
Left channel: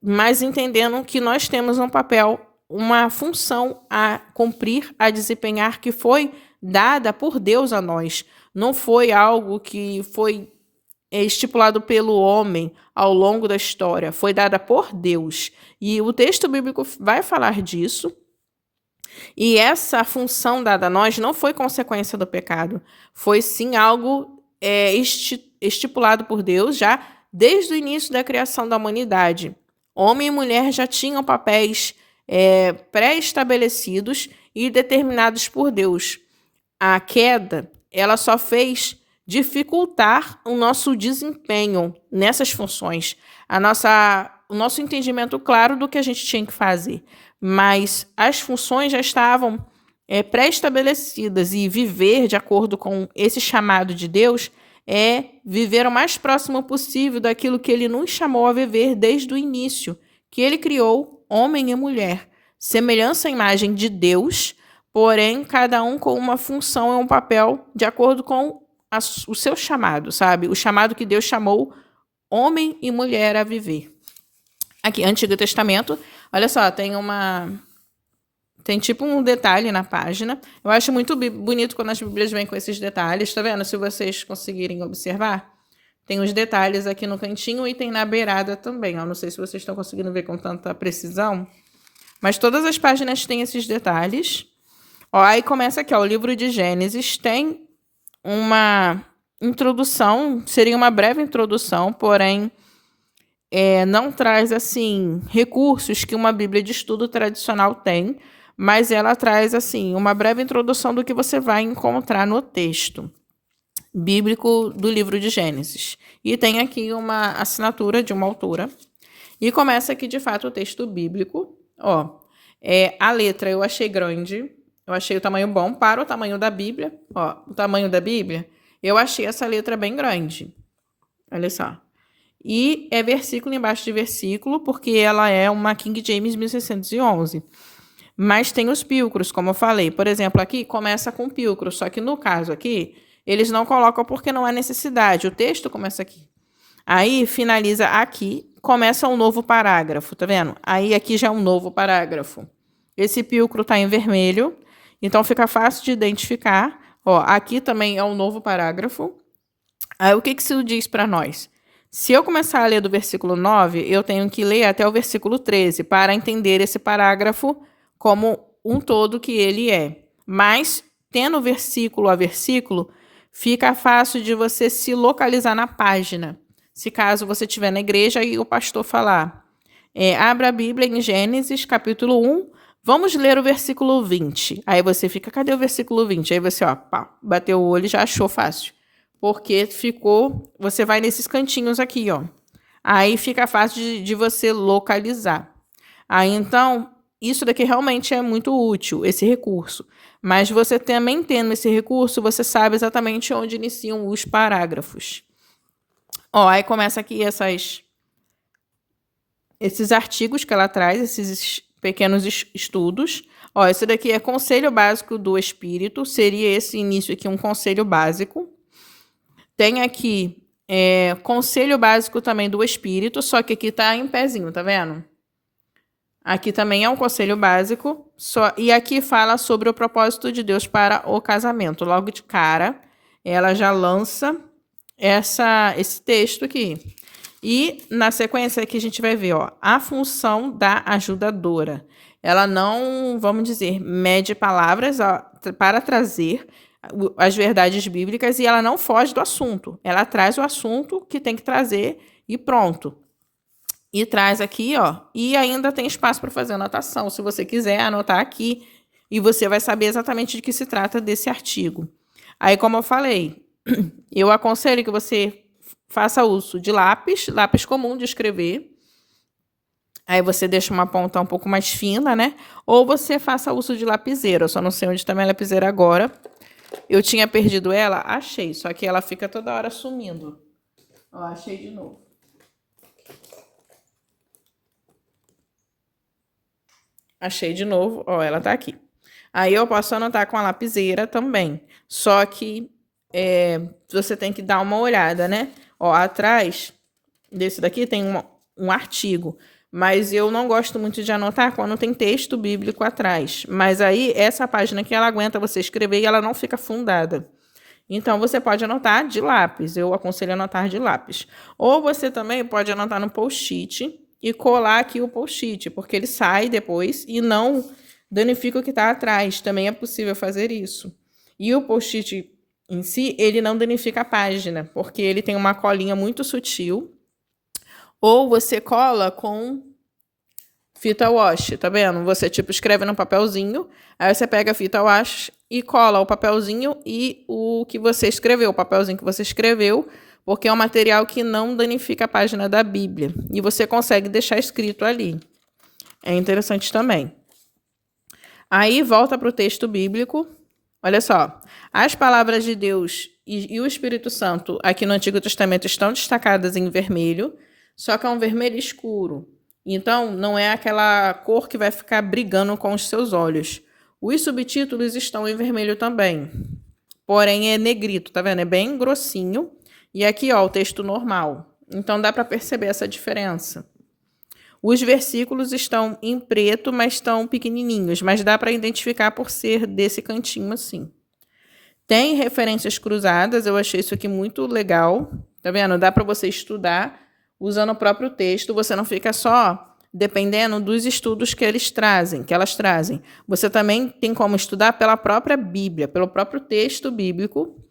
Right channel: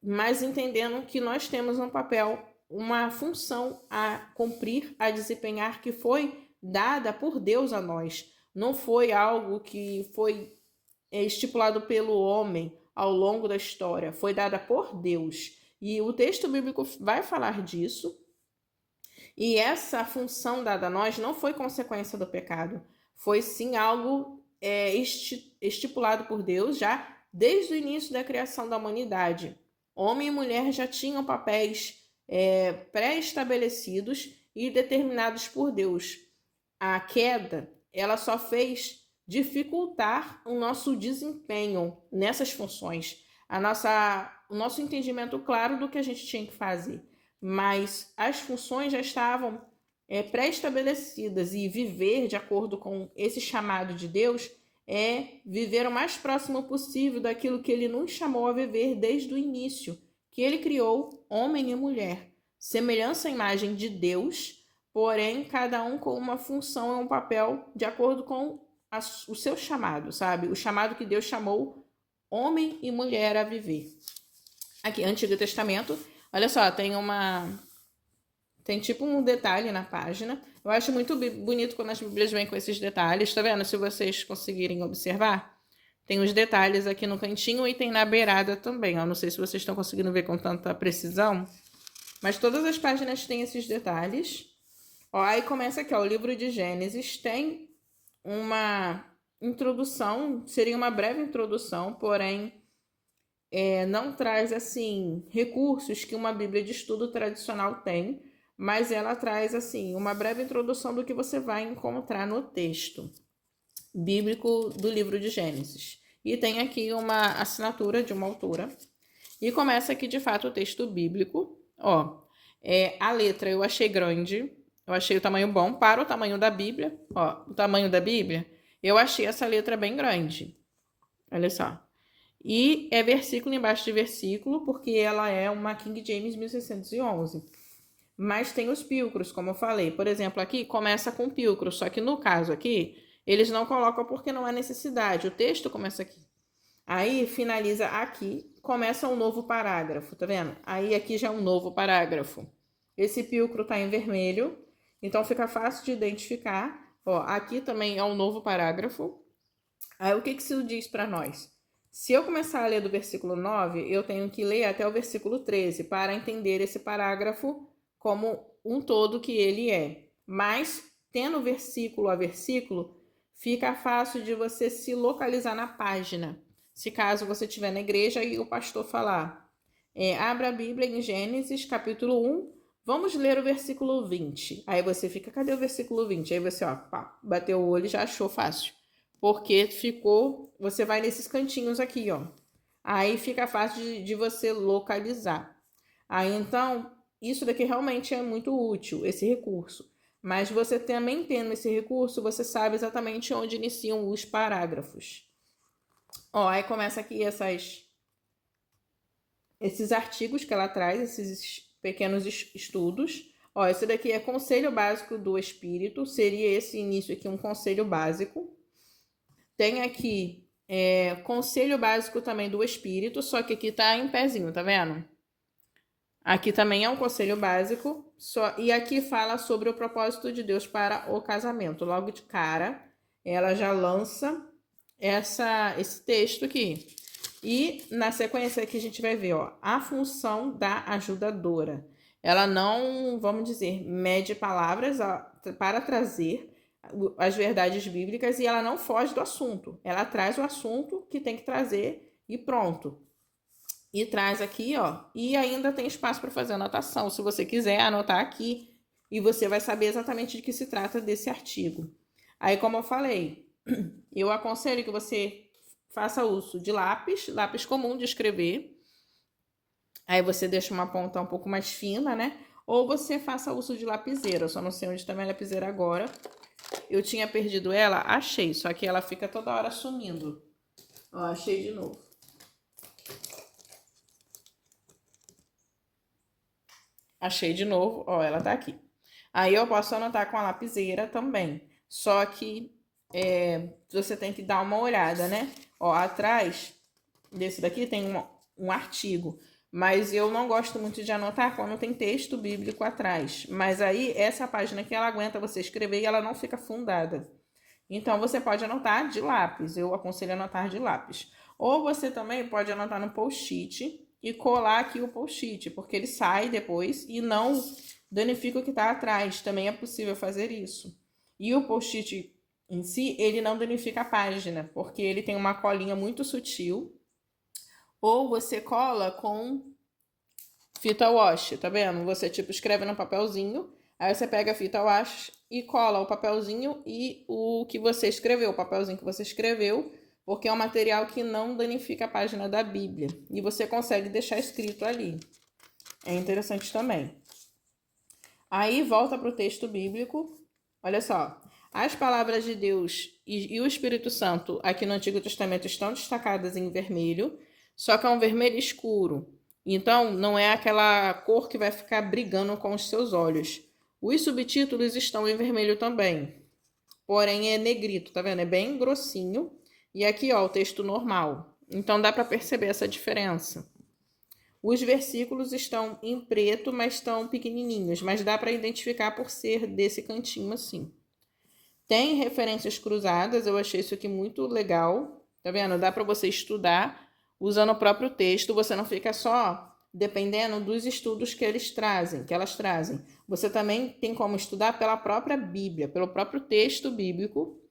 mas entendendo que nós temos um papel, uma função a cumprir, a desempenhar, que foi dada por Deus a nós. Não foi algo que foi estipulado pelo homem ao longo da história, foi dada por Deus. E o texto bíblico vai falar disso. E essa função dada a nós não foi consequência do pecado, foi sim algo estipulado por Deus já desde o início da criação da humanidade. Homem e mulher já tinham papéis pré-estabelecidos e determinados por Deus. A queda, ela só fez dificultar o nosso desempenho nessas funções, o nosso entendimento claro do que a gente tinha que fazer. Mas as funções já estavam pré-estabelecidas e viver de acordo com esse chamado de Deus é viver o mais próximo possível daquilo que Ele nos chamou a viver desde o início, que Ele criou homem e mulher, semelhança e imagem de Deus, porém cada um com uma função e um papel de acordo com o seu chamado, sabe? O chamado que Deus chamou homem e mulher a viver. Aqui, Antigo Testamento, olha só, tem tipo um detalhe na página. Eu acho muito bonito quando as Bíblias vêm com esses detalhes, tá vendo? Se vocês conseguirem observar, tem os detalhes aqui no cantinho e tem na beirada também, ó. Não sei se vocês estão conseguindo ver com tanta precisão, mas todas as páginas têm esses detalhes. Ó, aí começa aqui, ó, o livro de Gênesis tem uma introdução, seria uma breve introdução, porém não traz, assim, recursos que uma Bíblia de estudo tradicional tem, mas ela traz, assim, uma breve introdução do que você vai encontrar no texto bíblico do livro de Gênesis. E tem aqui uma assinatura de uma autora. E começa aqui, de fato, o texto bíblico. Ó, a letra eu achei grande, eu achei o tamanho bom para o tamanho da Bíblia. Ó, o tamanho da Bíblia, eu achei essa letra bem grande. Olha só. E é versículo embaixo de versículo, porque ela é uma King James 1611. Mas tem os pilcros, como eu falei. Por exemplo, aqui começa com pilcro, só que no caso aqui, eles não colocam porque não há necessidade. O texto começa aqui. Aí finaliza aqui, começa um novo parágrafo, tá vendo? Aí aqui já é um novo parágrafo. Esse pilcro tá em vermelho, então fica fácil de identificar. Ó, aqui também é um novo parágrafo. Aí o que isso diz para nós? Se eu começar a ler do versículo 9, eu tenho que ler até o versículo 13 para entender esse parágrafo como um todo que ele é. Mas, tendo versículo a versículo, fica fácil de você se localizar na página. Se caso você estiver na igreja e o pastor falar, abra a Bíblia em Gênesis, capítulo 1, vamos ler o versículo 20. Aí você fica, cadê o versículo 20? Aí você, ó, pá, bateu o olho e já achou fácil. Porque você vai nesses cantinhos aqui, ó. Aí fica fácil de você localizar. Aí, então, isso daqui realmente é muito útil, esse recurso. Mas você também tendo esse recurso, você sabe exatamente onde iniciam os parágrafos. Ó, aí começa aqui esses artigos que ela traz, esses pequenos estudos. Ó, esse daqui é Conselho Básico do Espírito, seria esse início aqui um conselho básico. Tem aqui Conselho Básico também do Espírito, só que aqui tá em pezinho, tá vendo? Aqui também é um conselho básico, e aqui fala sobre o propósito de Deus para o casamento. Logo de cara, ela já lança esse texto aqui. E na sequência aqui a gente vai ver, ó, a função da ajudadora. Ela não, vamos dizer, mede palavras para trazer as verdades bíblicas e ela não foge do assunto. Ela traz o assunto que tem que trazer e pronto. E traz aqui, ó, e ainda tem espaço para fazer anotação, se você quiser anotar aqui, e você vai saber exatamente de que se trata desse artigo. Aí, como eu falei, eu aconselho que você faça uso de lápis comum de escrever. Aí você deixa uma ponta um pouco mais fina, né? Ou você faça uso de lapiseira. Eu só não sei onde está minha lapiseira agora. Eu tinha perdido ela, achei, só que ela fica toda hora sumindo. Ó, achei de novo. Achei de novo, ó, ela tá aqui. Aí eu posso anotar com a lapiseira também. Só que você tem que dar uma olhada, né? Ó, atrás desse daqui tem um artigo. Mas eu não gosto muito de anotar quando tem texto bíblico atrás. Mas aí, essa página que ela aguenta você escrever e ela não fica fundada. Então, você pode anotar de lápis. Eu aconselho anotar de lápis. Ou você também pode anotar no post-it e colar aqui o post-it, porque ele sai depois e não danifica o que está atrás. Também é possível fazer isso. E o post-it em si, ele não danifica a página, porque ele tem uma colinha muito sutil. Ou você cola com fita wash, tá vendo? Você, tipo, escreve num papelzinho, aí você pega a fita wash e cola o papelzinho e o que você escreveu, o papelzinho que você escreveu, porque é um material que não danifica a página da Bíblia. E você consegue deixar escrito ali. É interessante também. Aí, volta para o texto bíblico. Olha só. As palavras de Deus e o Espírito Santo aqui no Antigo Testamento estão destacadas em vermelho, só que é um vermelho escuro. Então, não é aquela cor que vai ficar brigando com os seus olhos. Os subtítulos estão em vermelho também. porém é negrito, tá vendo? É bem grossinho. E aqui, ó, o texto normal. Então dá para perceber essa diferença. Os versículos estão em preto, mas estão pequenininhos, mas dá para identificar por ser desse cantinho assim. Tem referências cruzadas, eu achei isso aqui muito legal. Tá vendo? Dá para você estudar usando o próprio texto, você não fica só dependendo dos estudos que elas trazem. Você também tem como estudar pela própria Bíblia, pelo próprio texto bíblico.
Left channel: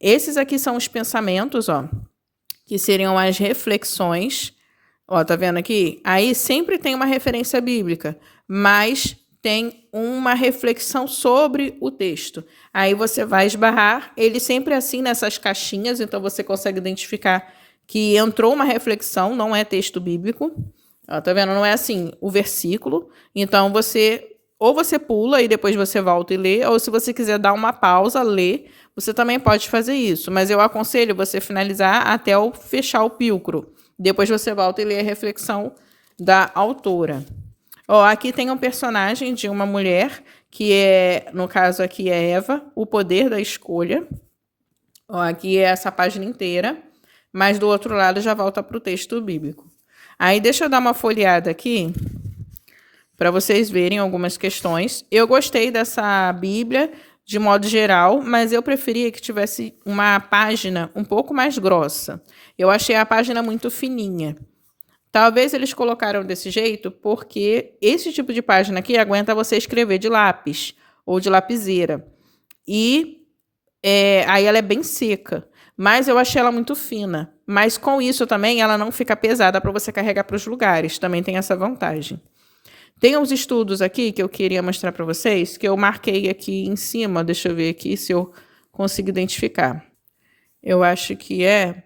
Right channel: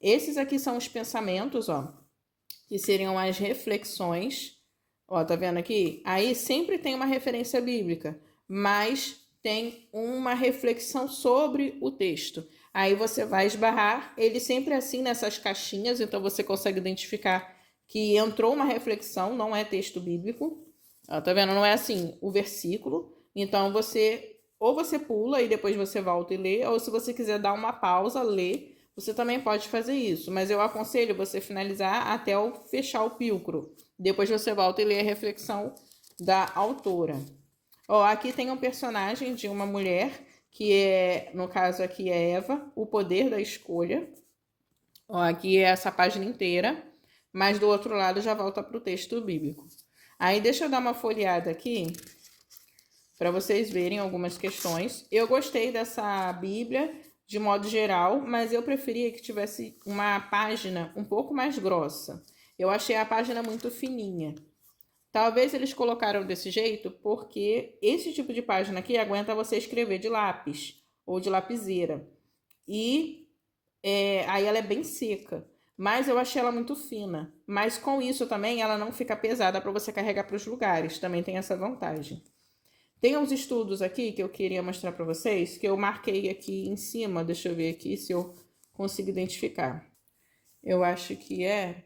Esses aqui são os pensamentos, ó, que seriam as reflexões. Ó, tá vendo aqui? Aí sempre tem uma referência bíblica, mas tem uma reflexão sobre o texto. Aí você vai esbarrar, ele sempre assim nessas caixinhas, então você consegue identificar que entrou uma reflexão, não é texto bíblico. Ó, tá vendo? Não é assim o versículo. Então ou você pula e depois você volta e lê, ou se você quiser dar uma pausa, ler, você também pode fazer isso. Mas eu aconselho você finalizar até fechar o pílcro. Depois você volta e lê a reflexão da autora. Ó, aqui tem um personagem de uma mulher, que no caso aqui é Eva, o poder da escolha. Ó, aqui é essa página inteira, mas do outro lado já volta para o texto bíblico. Aí deixa eu dar uma folheada aqui, para vocês verem algumas questões. Eu gostei dessa Bíblia de modo geral, mas eu preferia que tivesse uma página um pouco mais grossa. Eu achei a página muito fininha. Talvez eles colocaram desse jeito porque esse tipo de página aqui aguenta você escrever de lápis ou de lapiseira. E aí ela é bem seca. Mas eu achei ela muito fina. Mas com isso também ela não fica pesada para você carregar para os lugares. Também tem essa vantagem. Tem uns estudos aqui que eu queria mostrar para vocês, que eu marquei aqui em cima. Deixa eu ver aqui se eu consigo identificar. Eu acho que é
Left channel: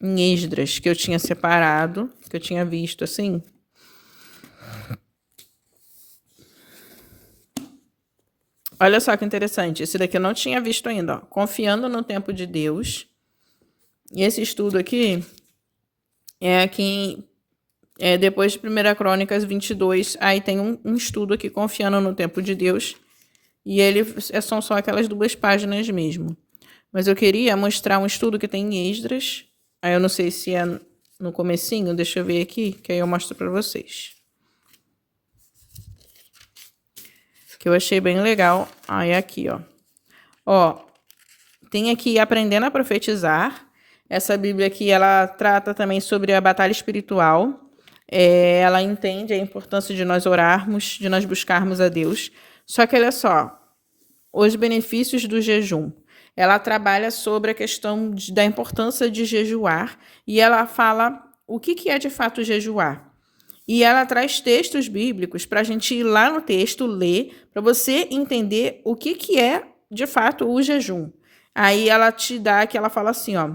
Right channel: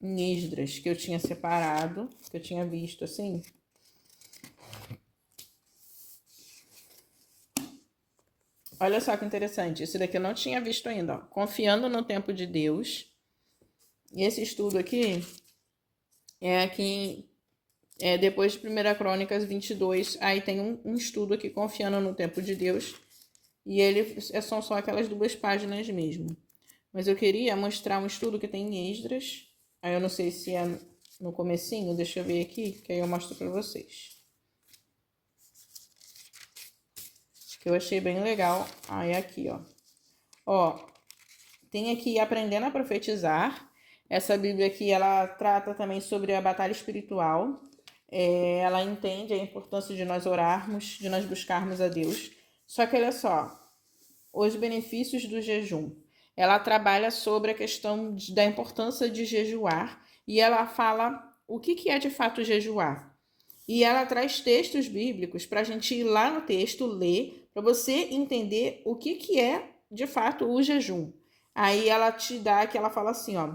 em Esdras, que eu tinha separado, que eu tinha visto assim. Olha só que interessante, esse daqui eu não tinha visto ainda, ó. Confiando no tempo de Deus. E esse estudo aqui é aqui depois de 1 Crônicas 22, aí tem um estudo aqui, Confiando no Tempo de Deus, e são só aquelas 2 páginas mesmo. Mas eu queria mostrar um estudo que tem em Esdras, aí eu não sei se é no comecinho, deixa eu ver aqui, que aí eu mostro para vocês. Que eu achei bem legal, aí aqui, ó. Ó, tem aqui Aprendendo a Profetizar. Essa Bíblia aqui, ela trata também sobre a batalha espiritual. Ela entende a importância de nós orarmos, de nós buscarmos a Deus. Só que olha só, os benefícios do jejum. Ela trabalha sobre a questão da importância de jejuar e ela fala o que é de fato jejuar. E ela traz textos bíblicos para a gente ir lá no texto, ler, para você entender o que é de fato o jejum. Aí ela te dá, que ela fala assim, ó,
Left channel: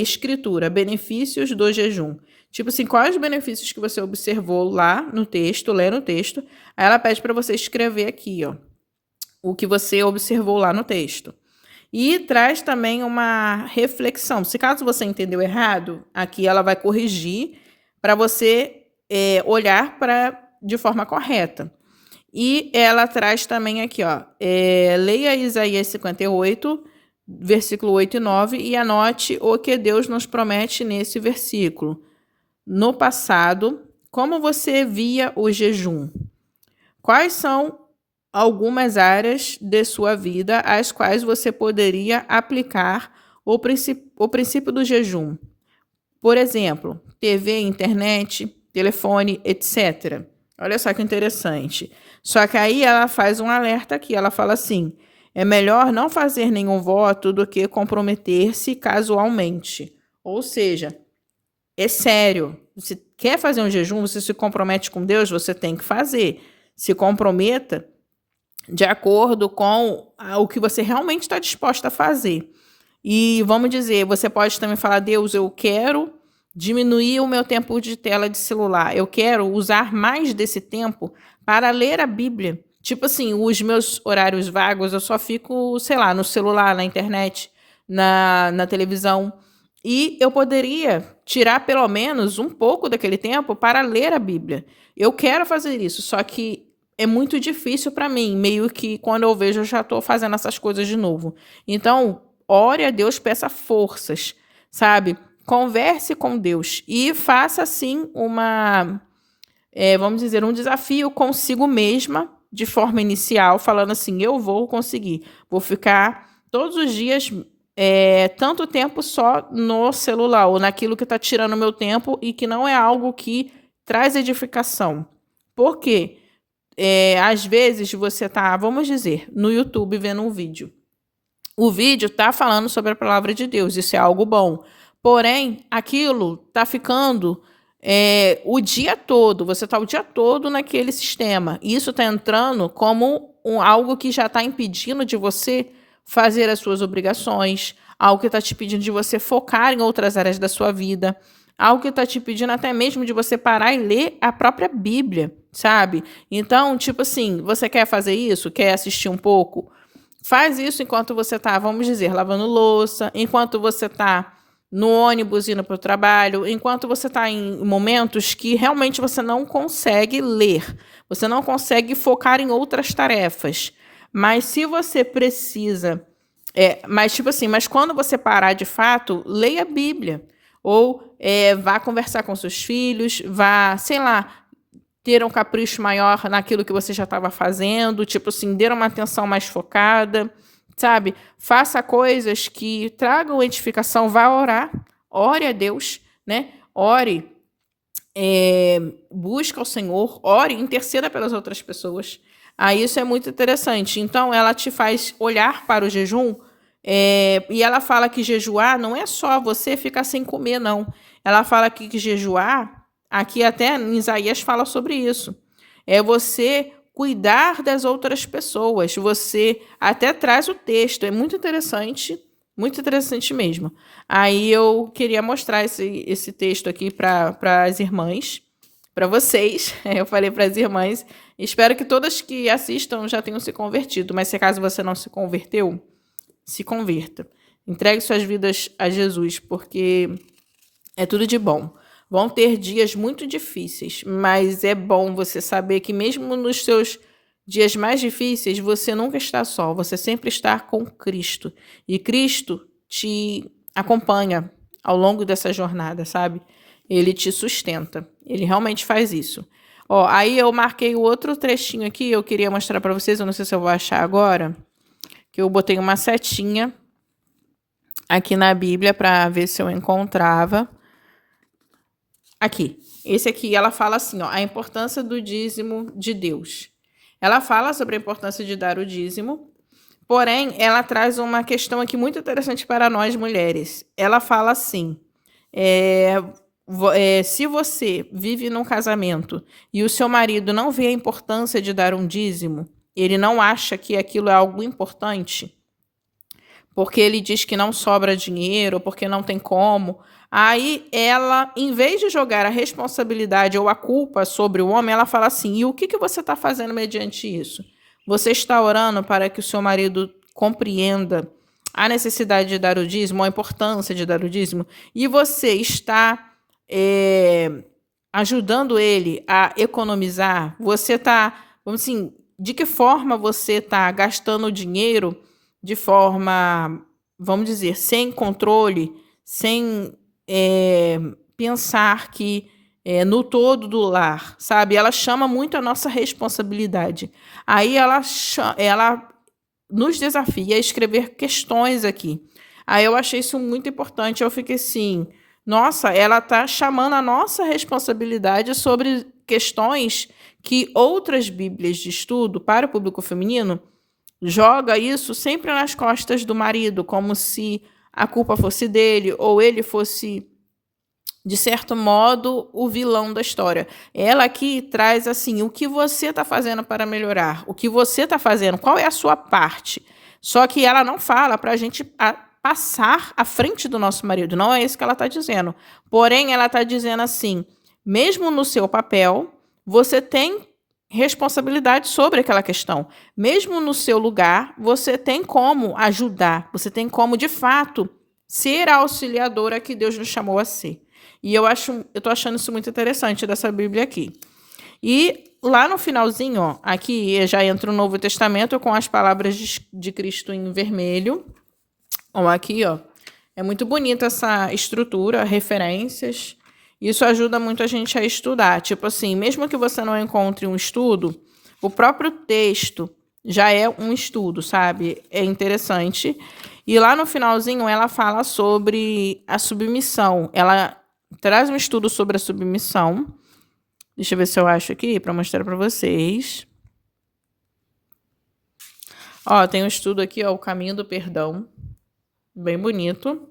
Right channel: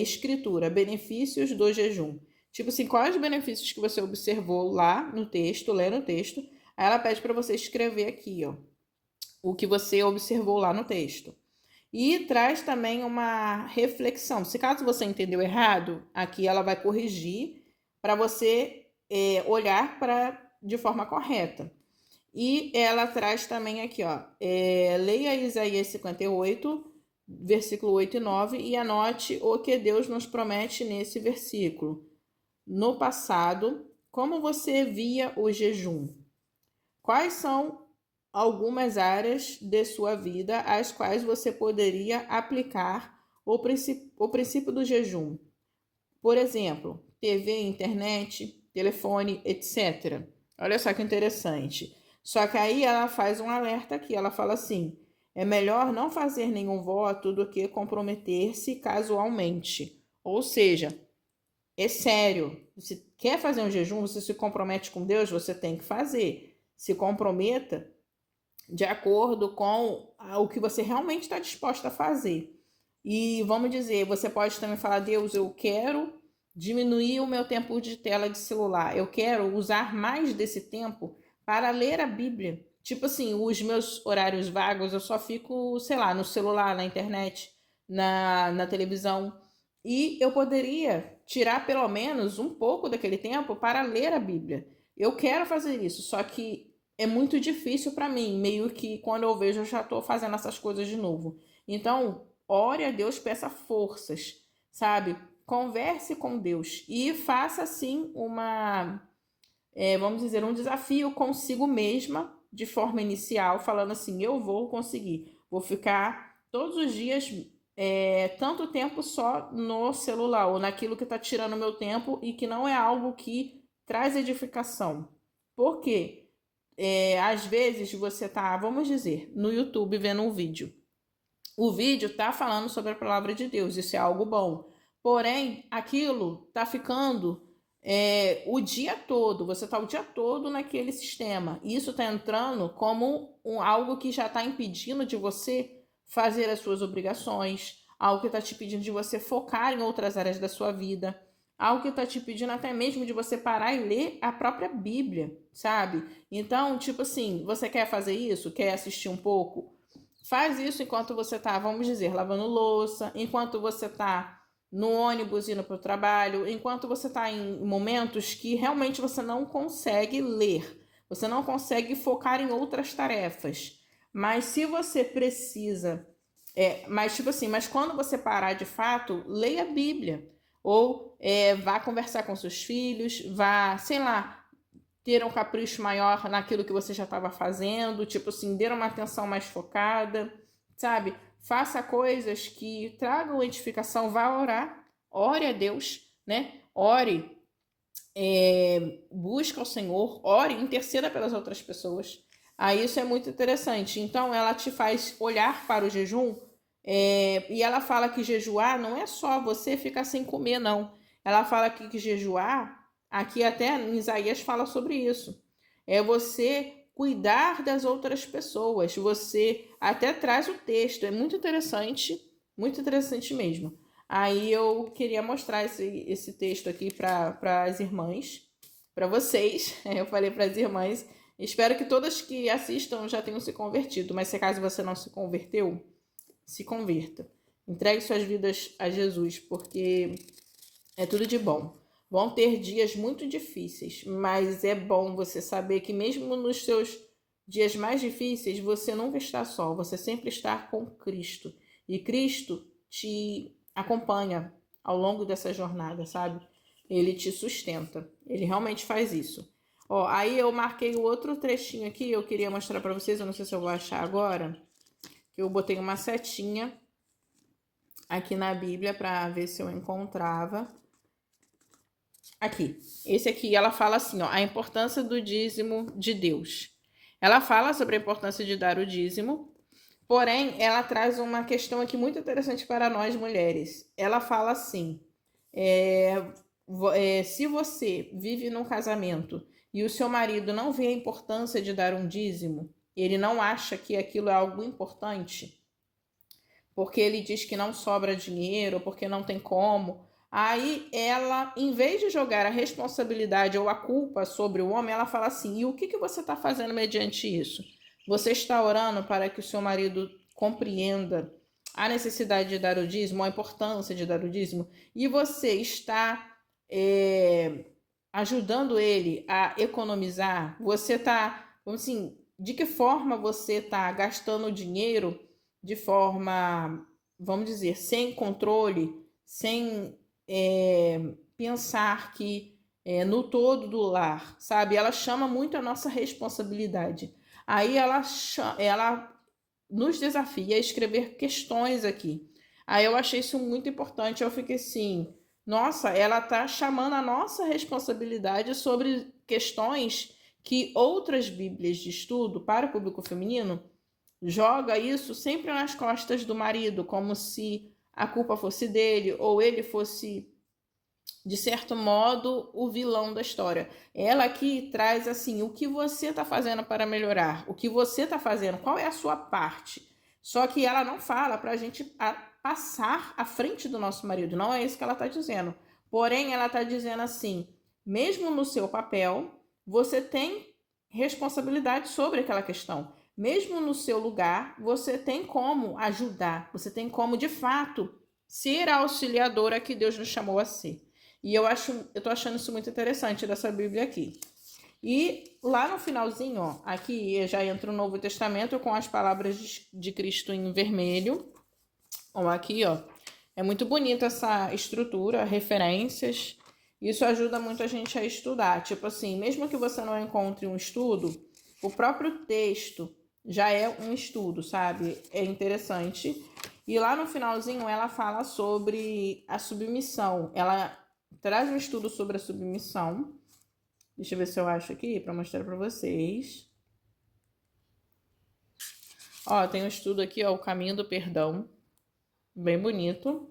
escritura, benefícios do jejum. Tipo assim, quais os benefícios que você observou lá no texto, lê no texto. Aí ela pede para você escrever aqui, ó, o que você observou lá no texto. E traz também uma reflexão. Se caso você entendeu errado, aqui ela vai corrigir para você olhar de forma correta. E ela traz também aqui, ó, leia Isaías 58, versículo 8 e 9, e anote o que Deus nos promete nesse versículo. No passado, como você via o jejum? Quais são algumas áreas de sua vida às quais você poderia aplicar o princípio do jejum? Por exemplo, TV, internet, telefone, etc. Olha só que interessante. Só que aí ela faz um alerta aqui, ela fala assim, é melhor não fazer nenhum voto do que comprometer-se casualmente. Ou seja, é sério. Você quer fazer um jejum, você se compromete com Deus, você tem que fazer. Se comprometa de acordo com o que você realmente está disposta a fazer. E vamos dizer, você pode também falar, Deus, eu quero diminuir o meu tempo de tela de celular. Eu quero usar mais desse tempo para ler a Bíblia. Tipo assim, os meus horários vagos, eu só fico, sei lá, no celular, na internet, na televisão. E eu poderia tirar pelo menos um pouco daquele tempo para ler a Bíblia. Eu quero fazer isso, só que é muito difícil para mim, meio que quando eu vejo eu já estou fazendo essas coisas de novo. Então, ore a Deus, peça forças, sabe? Converse com Deus e faça assim vamos dizer, um desafio consigo mesma de forma inicial, falando assim, eu vou conseguir, vou ficar todos os dias tanto tempo só no celular ou naquilo que está tirando meu tempo e que não é algo que traz edificação. Por quê? Às vezes você tá, vamos dizer, no YouTube vendo um vídeo. O vídeo tá falando sobre a palavra de Deus, isso é algo bom. Porém, aquilo tá ficando o dia todo, você tá o dia todo naquele sistema. Isso tá entrando como algo que já tá impedindo de você fazer as suas obrigações, algo que está te pedindo de você focar em outras áreas da sua vida, algo que está te pedindo até mesmo de você parar e ler a própria Bíblia, sabe? Então, tipo assim, você quer fazer isso? Quer assistir um pouco? Faz isso enquanto você está, vamos dizer, lavando louça, enquanto você está no ônibus indo para o trabalho, enquanto você está em momentos que realmente você não consegue ler, você não consegue focar em outras tarefas. Mas se você precisa, mas quando você parar de fato, leia a Bíblia. Ou vá conversar com seus filhos, vá, sei lá, ter um capricho maior naquilo que você já estava fazendo, tipo assim, dê uma atenção mais focada, sabe? Faça coisas que tragam edificação, vá orar, ore a Deus, né? Ore, busca o Senhor, ore, interceda pelas outras pessoas. Aí isso é muito interessante. Então, ela te faz olhar para o jejum, e ela fala que jejuar não é só você ficar sem comer, não. Ela fala que jejuar, aqui até em Isaías fala sobre isso, é você cuidar das outras pessoas. Você até traz o texto, é muito interessante mesmo. Aí eu queria mostrar esse texto aqui para as irmãs, para vocês. Eu falei para as irmãs. Espero que todas que assistam já tenham se convertido, mas se caso você não se converteu, se converta. Entregue suas vidas a Jesus, porque é tudo de bom. Vão ter dias muito difíceis, mas é bom você saber que mesmo nos seus dias mais difíceis, você nunca está só, você sempre está com Cristo. E Cristo te acompanha ao longo dessa jornada, sabe? Ele te sustenta. Ele realmente faz isso. Ó, aí eu marquei o outro trechinho aqui, eu queria mostrar para vocês, eu não sei se eu vou achar agora, que eu botei uma setinha aqui na Bíblia para ver se eu encontrava. Aqui, esse aqui, ela fala assim, ó, a importância do dízimo de Deus. Ela fala sobre a importância de dar o dízimo, porém, ela traz uma questão aqui muito interessante para nós mulheres. Ela fala assim, se você vive num casamento e o seu marido não vê a importância de dar um dízimo, ele não acha que aquilo é algo importante, porque ele diz que não sobra dinheiro, porque não tem como. Aí ela, em vez de jogar a responsabilidade ou a culpa sobre o homem, ela fala assim: e o que você está fazendo mediante isso? Você está orando para que o seu marido compreenda a necessidade de dar o dízimo, a importância de dar o dízimo, e você está ajudando ele a economizar? Você está, vamos assim, de que forma você está gastando dinheiro de forma, vamos dizer, sem controle, sem pensar que no todo do lar, sabe? Ela chama muito a nossa responsabilidade. Aí ela nos desafia a escrever questões aqui. Aí eu achei isso muito importante. Eu fiquei assim, nossa, ela está chamando a nossa responsabilidade sobre questões que outras bíblias de estudo para o público feminino joga isso sempre nas costas do marido, como se a culpa fosse dele ou ele fosse, de certo modo, o vilão da história. Ela aqui traz assim, o que você está fazendo para melhorar, o que você está fazendo, qual é a sua parte. Só que ela não fala para a gente passar à frente do nosso marido, não é isso que ela está dizendo. Porém, ela está dizendo assim, mesmo no seu papel, você tem responsabilidade sobre aquela questão. Mesmo no seu lugar, você tem como ajudar, você tem como, de fato, ser a auxiliadora que Deus nos chamou a ser. E eu tô achando isso muito interessante dessa Bíblia aqui. E lá no finalzinho, ó, aqui já entra o Novo Testamento com as palavras de Cristo em vermelho. Ó, aqui, ó, é muito bonita essa estrutura, referências. Isso ajuda muito a gente a estudar. Tipo assim, mesmo que você não encontre um estudo, o próprio texto já é um estudo, sabe? É interessante. E lá no finalzinho ela fala sobre a submissão. Ela traz um estudo sobre a submissão. Deixa eu ver se eu acho aqui para mostrar para vocês. Ó, tem um estudo aqui, ó, o caminho do perdão. Bem bonito.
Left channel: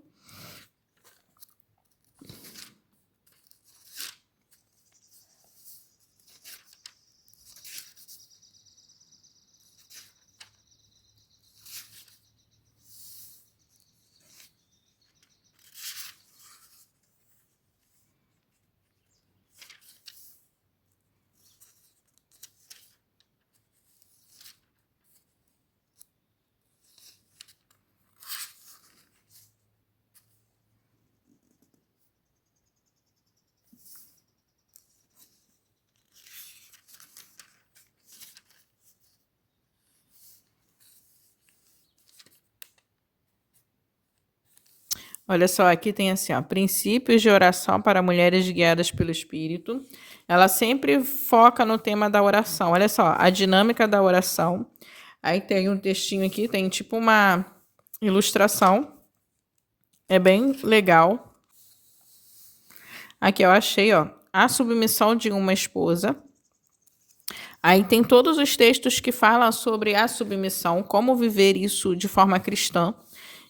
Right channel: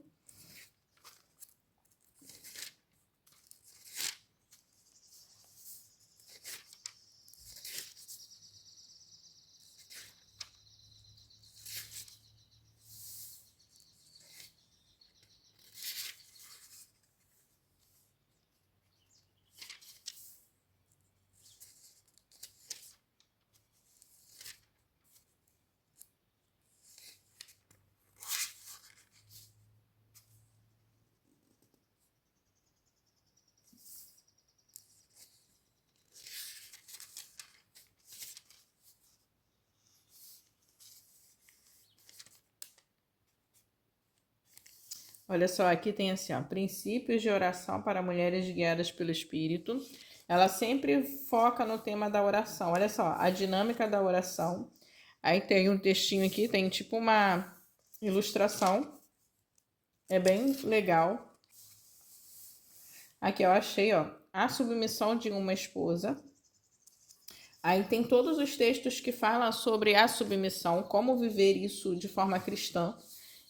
Olha só, aqui tem assim, ó, princípios de oração para mulheres guiadas pelo Espírito. Ela sempre foca no tema da oração. Olha só, a dinâmica da oração. Aí tem um textinho aqui, tem tipo uma ilustração. É bem legal. Aqui eu achei, ó, a submissão de uma esposa. Aí tem todos os textos que falam sobre a submissão, como viver isso de forma cristã.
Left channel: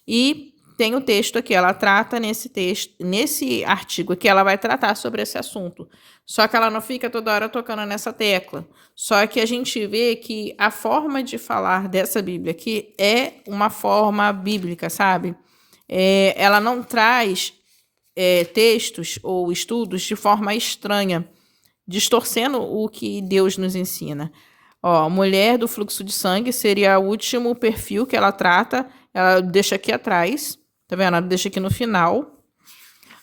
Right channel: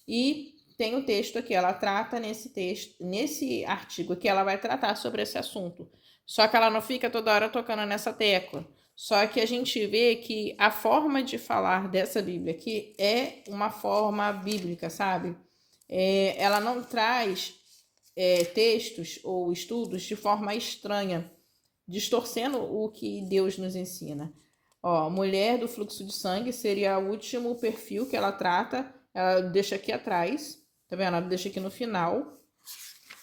E tem o texto aqui, ela trata nesse artigo aqui, ela vai tratar sobre esse assunto. Só que ela não fica toda hora tocando nessa tecla. Só que a gente vê que a forma de falar dessa Bíblia aqui é uma forma bíblica, sabe? Ela não traz textos ou estudos de forma estranha, distorcendo o que Deus nos ensina. Ó, mulher do fluxo de sangue seria o último perfil que ela trata. Ela deixa aqui atrás. Tá vendo? Ela deixa aqui no final.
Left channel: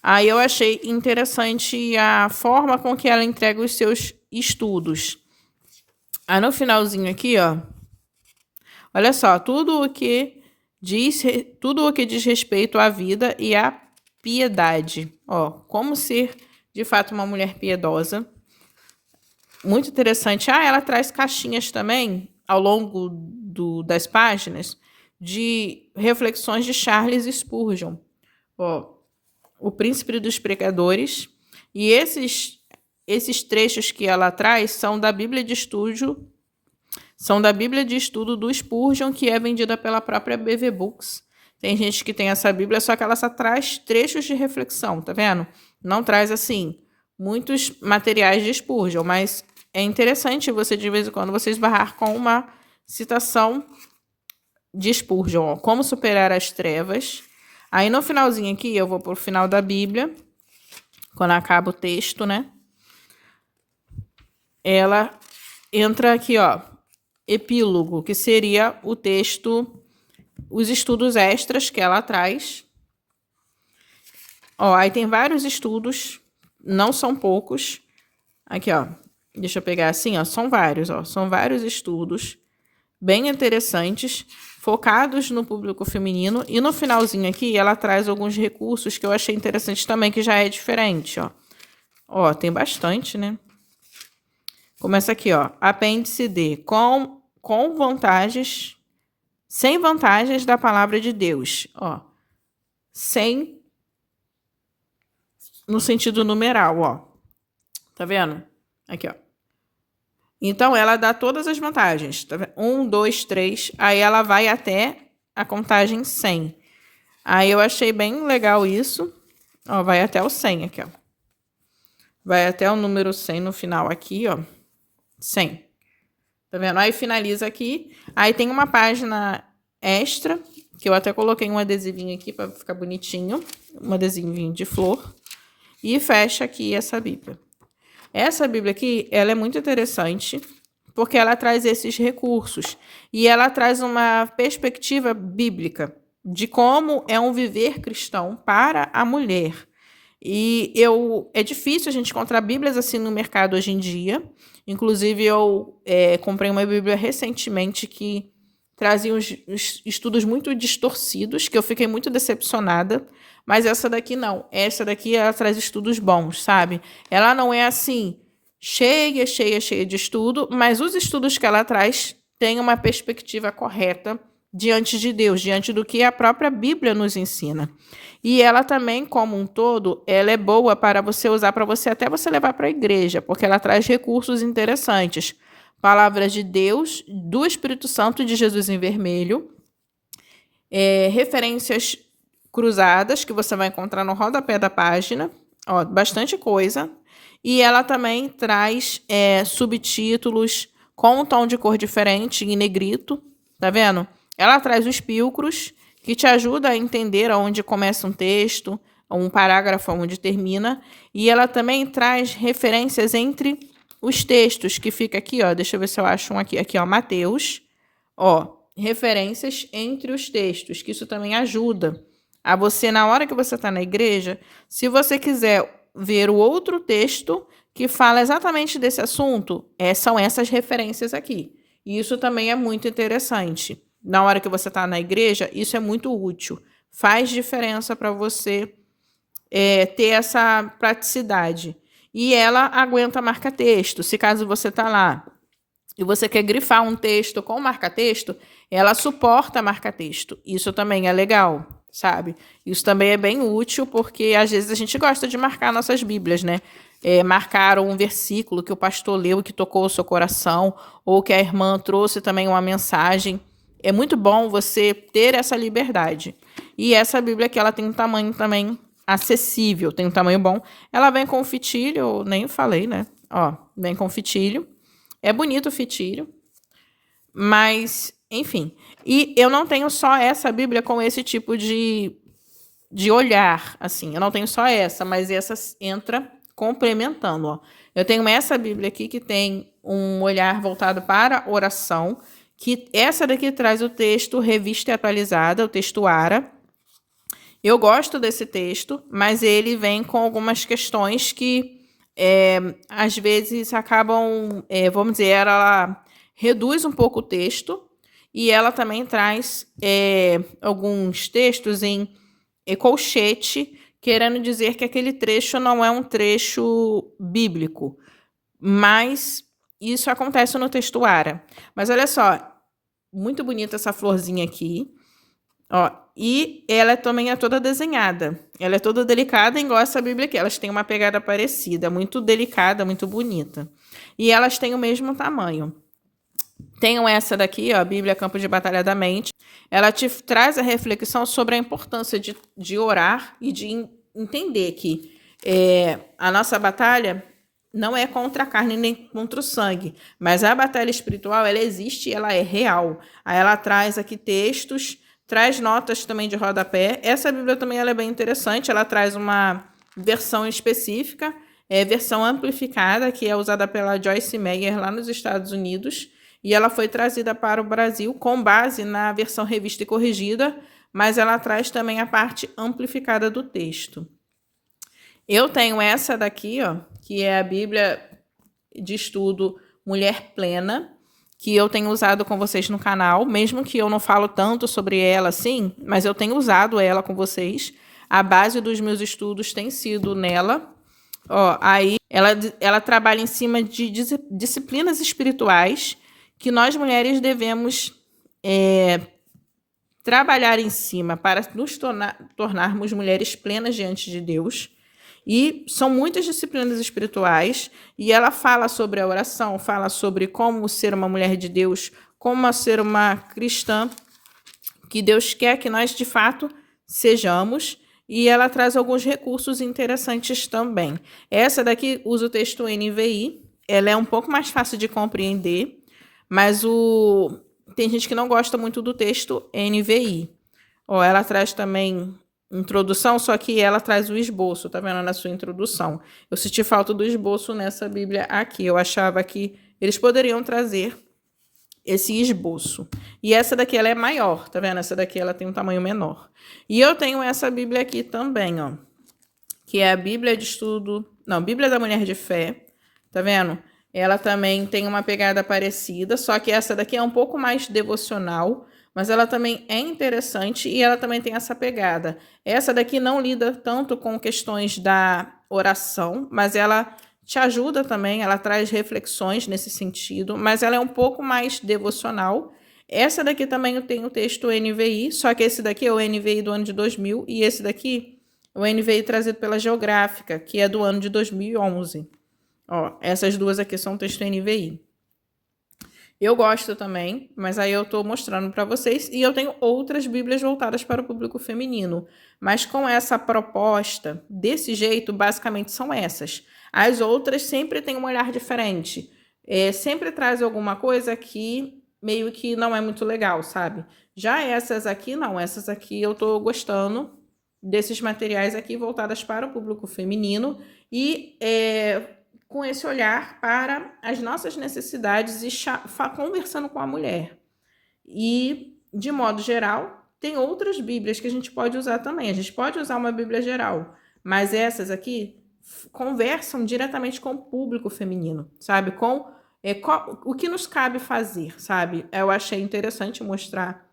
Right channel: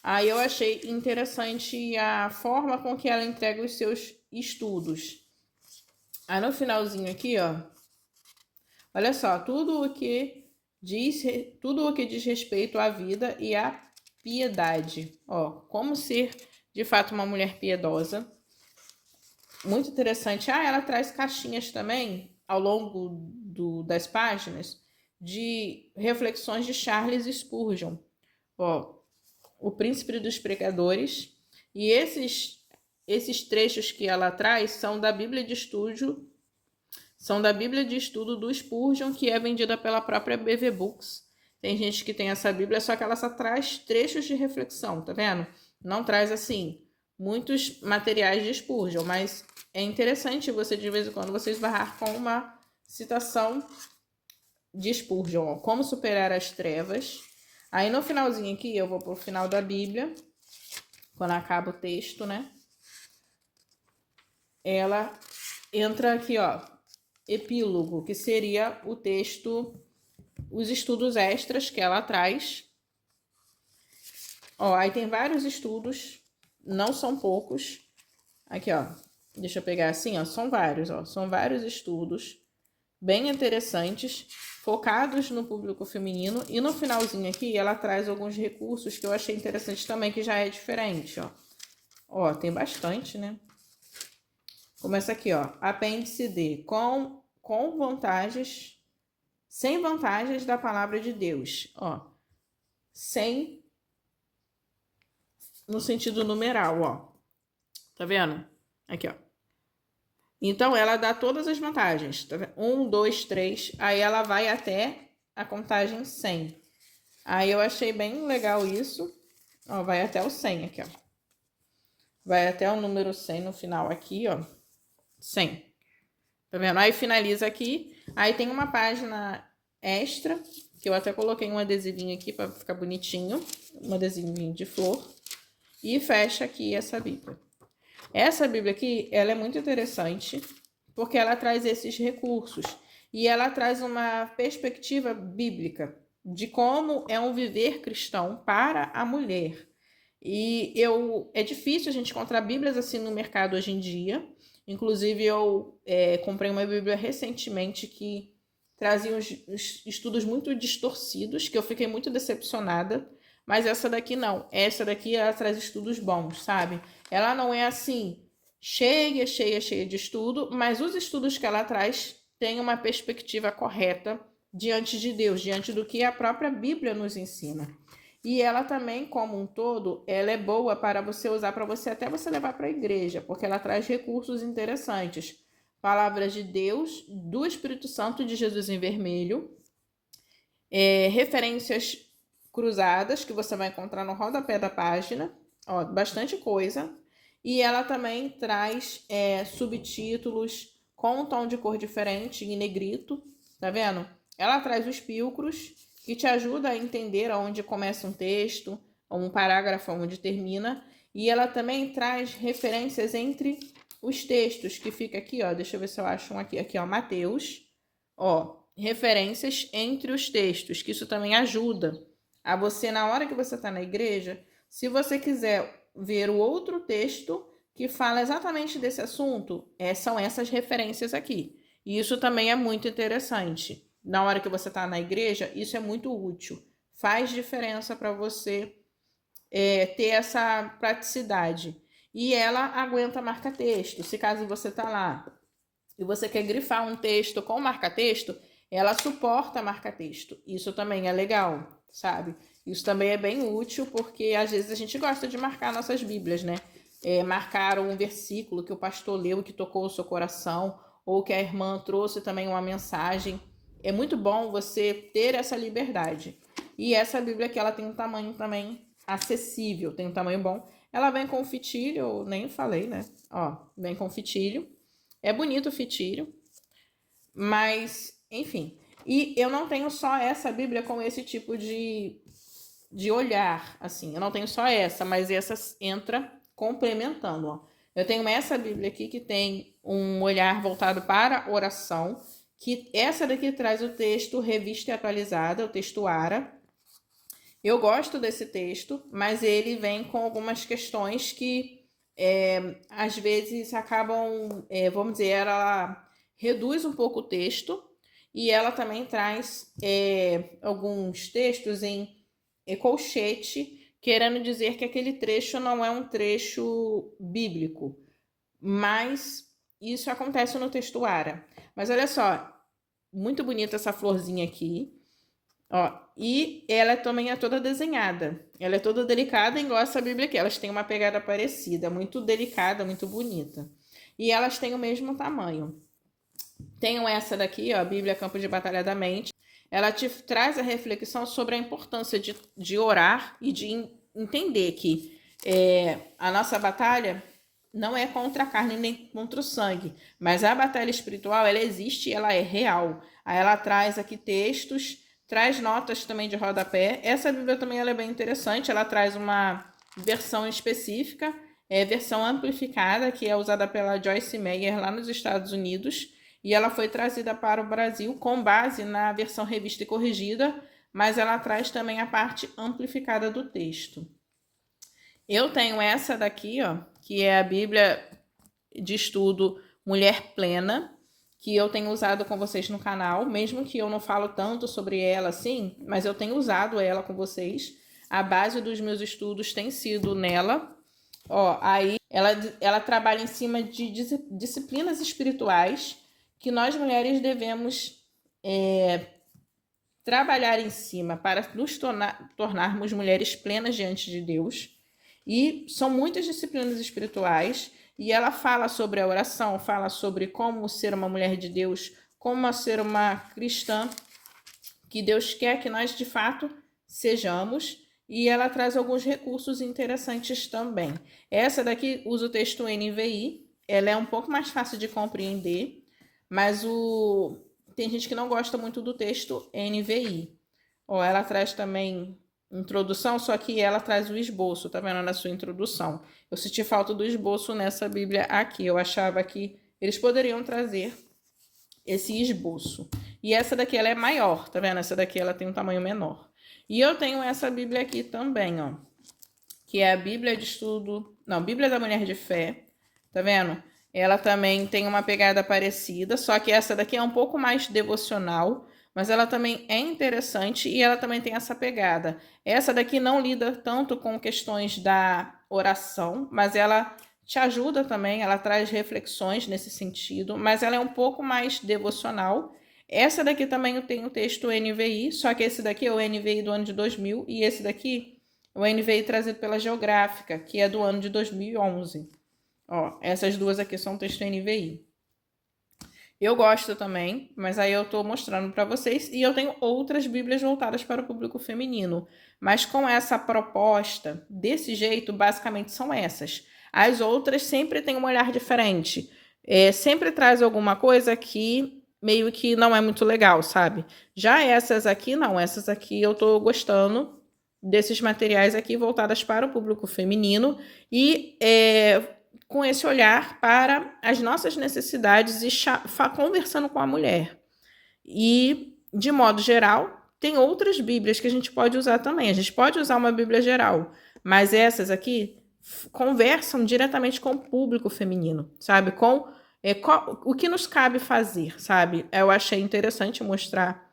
Aí eu achei interessante a forma com que ela entrega os seus estudos. Aí no finalzinho aqui, ó. Olha só, tudo o que diz respeito à vida e à piedade. Ó, como ser de fato uma mulher piedosa. Muito interessante. Ah, ela traz caixinhas também ao longo das páginas de reflexões de Charles Spurgeon. Ó, o Príncipe dos Pregadores. E esses trechos que ela traz são da Bíblia de Estudo, do Spurgeon, que é vendida pela própria BV Books. Tem gente que tem essa Bíblia, só que ela só traz trechos de reflexão, tá vendo? Não traz, assim, muitos materiais de Spurgeon, mas é interessante você, de vez em quando, você esbarrar com uma citação de Spurgeon, ó, como superar as trevas. Aí no finalzinho aqui, eu vou pro final da Bíblia, quando acaba o texto, né? Ela entra aqui, ó, epílogo, que seria o texto, os estudos extras que ela traz. Ó, aí tem vários estudos, não são poucos. Aqui, ó, deixa eu pegar assim, ó, são vários estudos bem interessantes, focados no público feminino. E no finalzinho aqui, ela traz alguns recursos que eu achei interessante também, que já é diferente, ó. Ó, tem bastante, né? Começa aqui, ó, apêndice D, com vantagens, sem vantagens da palavra de Deus, ó. Sem, no sentido numeral, ó. Tá vendo? Aqui, ó. Então, ela dá todas as vantagens. Tá vendo? 1, 2, 3. Aí ela vai até a contagem 100. Aí eu achei bem legal isso. Ó, vai até o 100 aqui, ó. Vai até o número 100 no final aqui, ó. 100. Tá vendo? Aí finaliza aqui. Aí tem uma página extra, que eu até coloquei um adesivinho aqui para ficar bonitinho. Um adesivinho de flor. E fecha aqui essa Bíblia. Essa Bíblia aqui, ela é muito interessante, porque ela traz esses recursos. E ela traz uma perspectiva bíblica de como é um viver cristão para a mulher. É difícil a gente encontrar Bíblias assim no mercado hoje em dia. Inclusive, eu comprei uma Bíblia recentemente que trazia uns estudos muito distorcidos, que eu fiquei muito decepcionada. Mas essa daqui não. Essa daqui ela traz estudos bons, sabe? Ela não é assim, cheia de estudo, mas os estudos que ela traz têm uma perspectiva correta diante de Deus, diante do que a própria Bíblia nos ensina. E ela também, como um todo, ela é boa para você usar, para você até você levar para a igreja, porque ela traz recursos interessantes. Palavras de Deus, do Espírito Santo e de Jesus em vermelho, referências cruzadas que você vai encontrar no rodapé da página, ó, bastante coisa. E ela também traz subtítulos com um tom de cor diferente, em negrito, tá vendo? Ela traz os pílcros, que te ajuda a entender onde começa um texto, um parágrafo onde termina. E ela também traz referências entre os textos, que fica aqui, ó, deixa eu ver se eu acho um aqui. Aqui, ó, Mateus, ó, referências entre os textos, que isso também ajuda a você, na hora que você está na igreja, se você quiser ver o outro texto que fala exatamente desse assunto, são essas referências aqui. E isso também é muito interessante. Na hora que você está na igreja, isso é muito útil. Faz diferença para você ter essa praticidade. E ela aguenta marca-texto. Se caso você está lá e você quer grifar um texto com marca-texto, ela suporta marca-texto. Isso também é legal, sabe? Isso também é bem útil, porque às vezes a gente gosta de marcar nossas Bíblias, né? Marcar um versículo que o pastor leu e que tocou o seu coração, ou que a irmã trouxe também uma mensagem. É muito bom você ter essa liberdade. E essa Bíblia aqui, ela tem um tamanho também acessível, tem um tamanho bom. Ela vem com fitilho, nem falei, né? Ó, vem com fitilho. É bonito o fitilho, mas, enfim. E eu não tenho só essa Bíblia com esse tipo de olhar, assim. Eu não tenho só essa, mas essa entra complementando, ó. Eu tenho essa Bíblia aqui que tem um olhar voltado para oração, que essa daqui traz o texto Revista e Atualizada, o texto ARA. Eu gosto desse texto, mas ele vem com algumas questões que às vezes acabam, vamos dizer, ela reduz um pouco o texto e ela também traz alguns textos em colchete, querendo dizer que aquele trecho não é um trecho bíblico, mas isso acontece no texto ARA. Mas olha só, muito bonita essa florzinha aqui. Ó, e ela também é toda desenhada. Ela é toda delicada, igual essa Bíblia aqui. Elas têm uma pegada parecida, muito delicada, muito bonita. E elas têm o mesmo tamanho. Tenho essa daqui, ó, Bíblia Campo de Batalha da Mente. Ela te traz a reflexão sobre a importância de orar e de entender que a nossa batalha não é contra a carne nem contra o sangue, mas a batalha espiritual, ela existe e ela é real. Aí ela traz aqui textos, traz notas também de rodapé. Essa Bíblia também ela é bem interessante, ela traz uma versão específica, versão amplificada, que é usada pela Joyce Meyer lá nos Estados Unidos, e ela foi trazida para o Brasil com base na versão revista e corrigida, mas ela traz também a parte amplificada do texto. Eu tenho essa daqui, ó, que é a Bíblia de Estudo Mulher Plena, que eu tenho usado com vocês no canal, mesmo que eu não falo tanto sobre ela assim, mas eu tenho usado ela com vocês. A base dos meus estudos tem sido nela. Ó, aí ela trabalha em cima de disciplinas espirituais que nós mulheres devemos trabalhar em cima para nos tornarmos mulheres plenas diante de Deus. E são muitas disciplinas espirituais, e ela fala sobre a oração, fala sobre como ser uma mulher de Deus, como ser uma cristã, que Deus quer que nós de fato sejamos, e ela traz alguns recursos interessantes também. Essa daqui usa o texto NVI, ela é um pouco mais fácil de compreender, mas tem gente que não gosta muito do texto NVI. Ó, ela traz também introdução, só que ela traz o esboço, tá vendo na sua introdução. Eu senti falta do esboço nessa Bíblia aqui. Eu achava que eles poderiam trazer esse esboço. E essa daqui ela é maior, tá vendo? Essa daqui ela tem um tamanho menor. E eu tenho essa Bíblia aqui também, ó, que é a Bíblia de Estudo, não, Bíblia da Mulher de Fé, tá vendo? Ela também tem uma pegada parecida, só que essa daqui é um pouco mais devocional, mas ela também é interessante e ela também tem essa pegada. Essa daqui não lida tanto com questões da oração, mas ela te ajuda também, ela traz reflexões nesse sentido, mas ela é um pouco mais devocional. Essa daqui também tem o texto NVI, só que esse daqui é o NVI do ano de 2000 e esse daqui é o NVI trazido pela Geográfica, que é do ano de 2011. Ó, essas duas aqui são texto NVI. Eu gosto também, mas aí eu tô mostrando para vocês e eu tenho outras bíblias voltadas para o público feminino. Mas com essa proposta, desse jeito, basicamente são essas. As outras sempre têm um olhar diferente. Sempre traz alguma coisa que meio que não é muito legal, sabe? Já essas aqui, não. Essas aqui eu tô gostando desses materiais aqui voltadas para o público feminino e com esse olhar para as nossas necessidades e conversando com a mulher. E, de modo geral, tem outras bíblias que a gente pode usar também. A gente pode usar uma bíblia geral, mas essas aqui conversam diretamente com o público feminino, sabe? Com o que nos cabe fazer, sabe? Eu achei interessante mostrar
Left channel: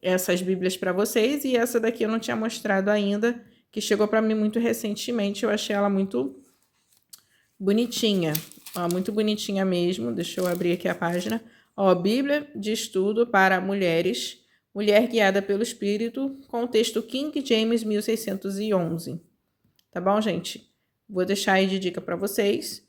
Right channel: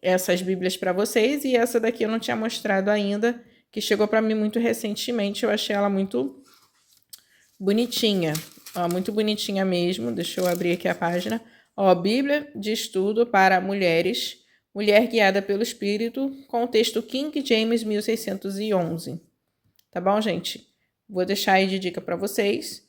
essas bíblias para vocês e essa daqui eu não tinha mostrado ainda, que chegou para mim muito recentemente. Eu achei ela muito bonitinha, ó, muito bonitinha mesmo. Deixa eu abrir aqui a página. Ó, Bíblia de Estudo para Mulheres, Mulher Guiada pelo Espírito, com o texto King James 1611. Tá bom, gente? Vou deixar aí de dica para vocês.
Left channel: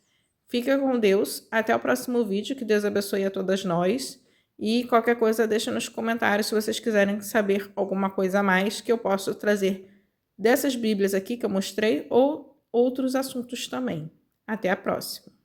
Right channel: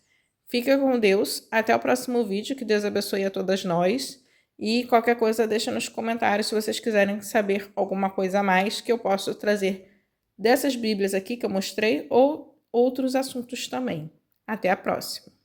Fica com Deus. Até o próximo vídeo. Que Deus abençoe a todas nós. E qualquer coisa deixa nos comentários se vocês quiserem saber alguma coisa a mais que eu posso trazer dessas bíblias aqui que eu mostrei ou outros assuntos também. Até a próxima!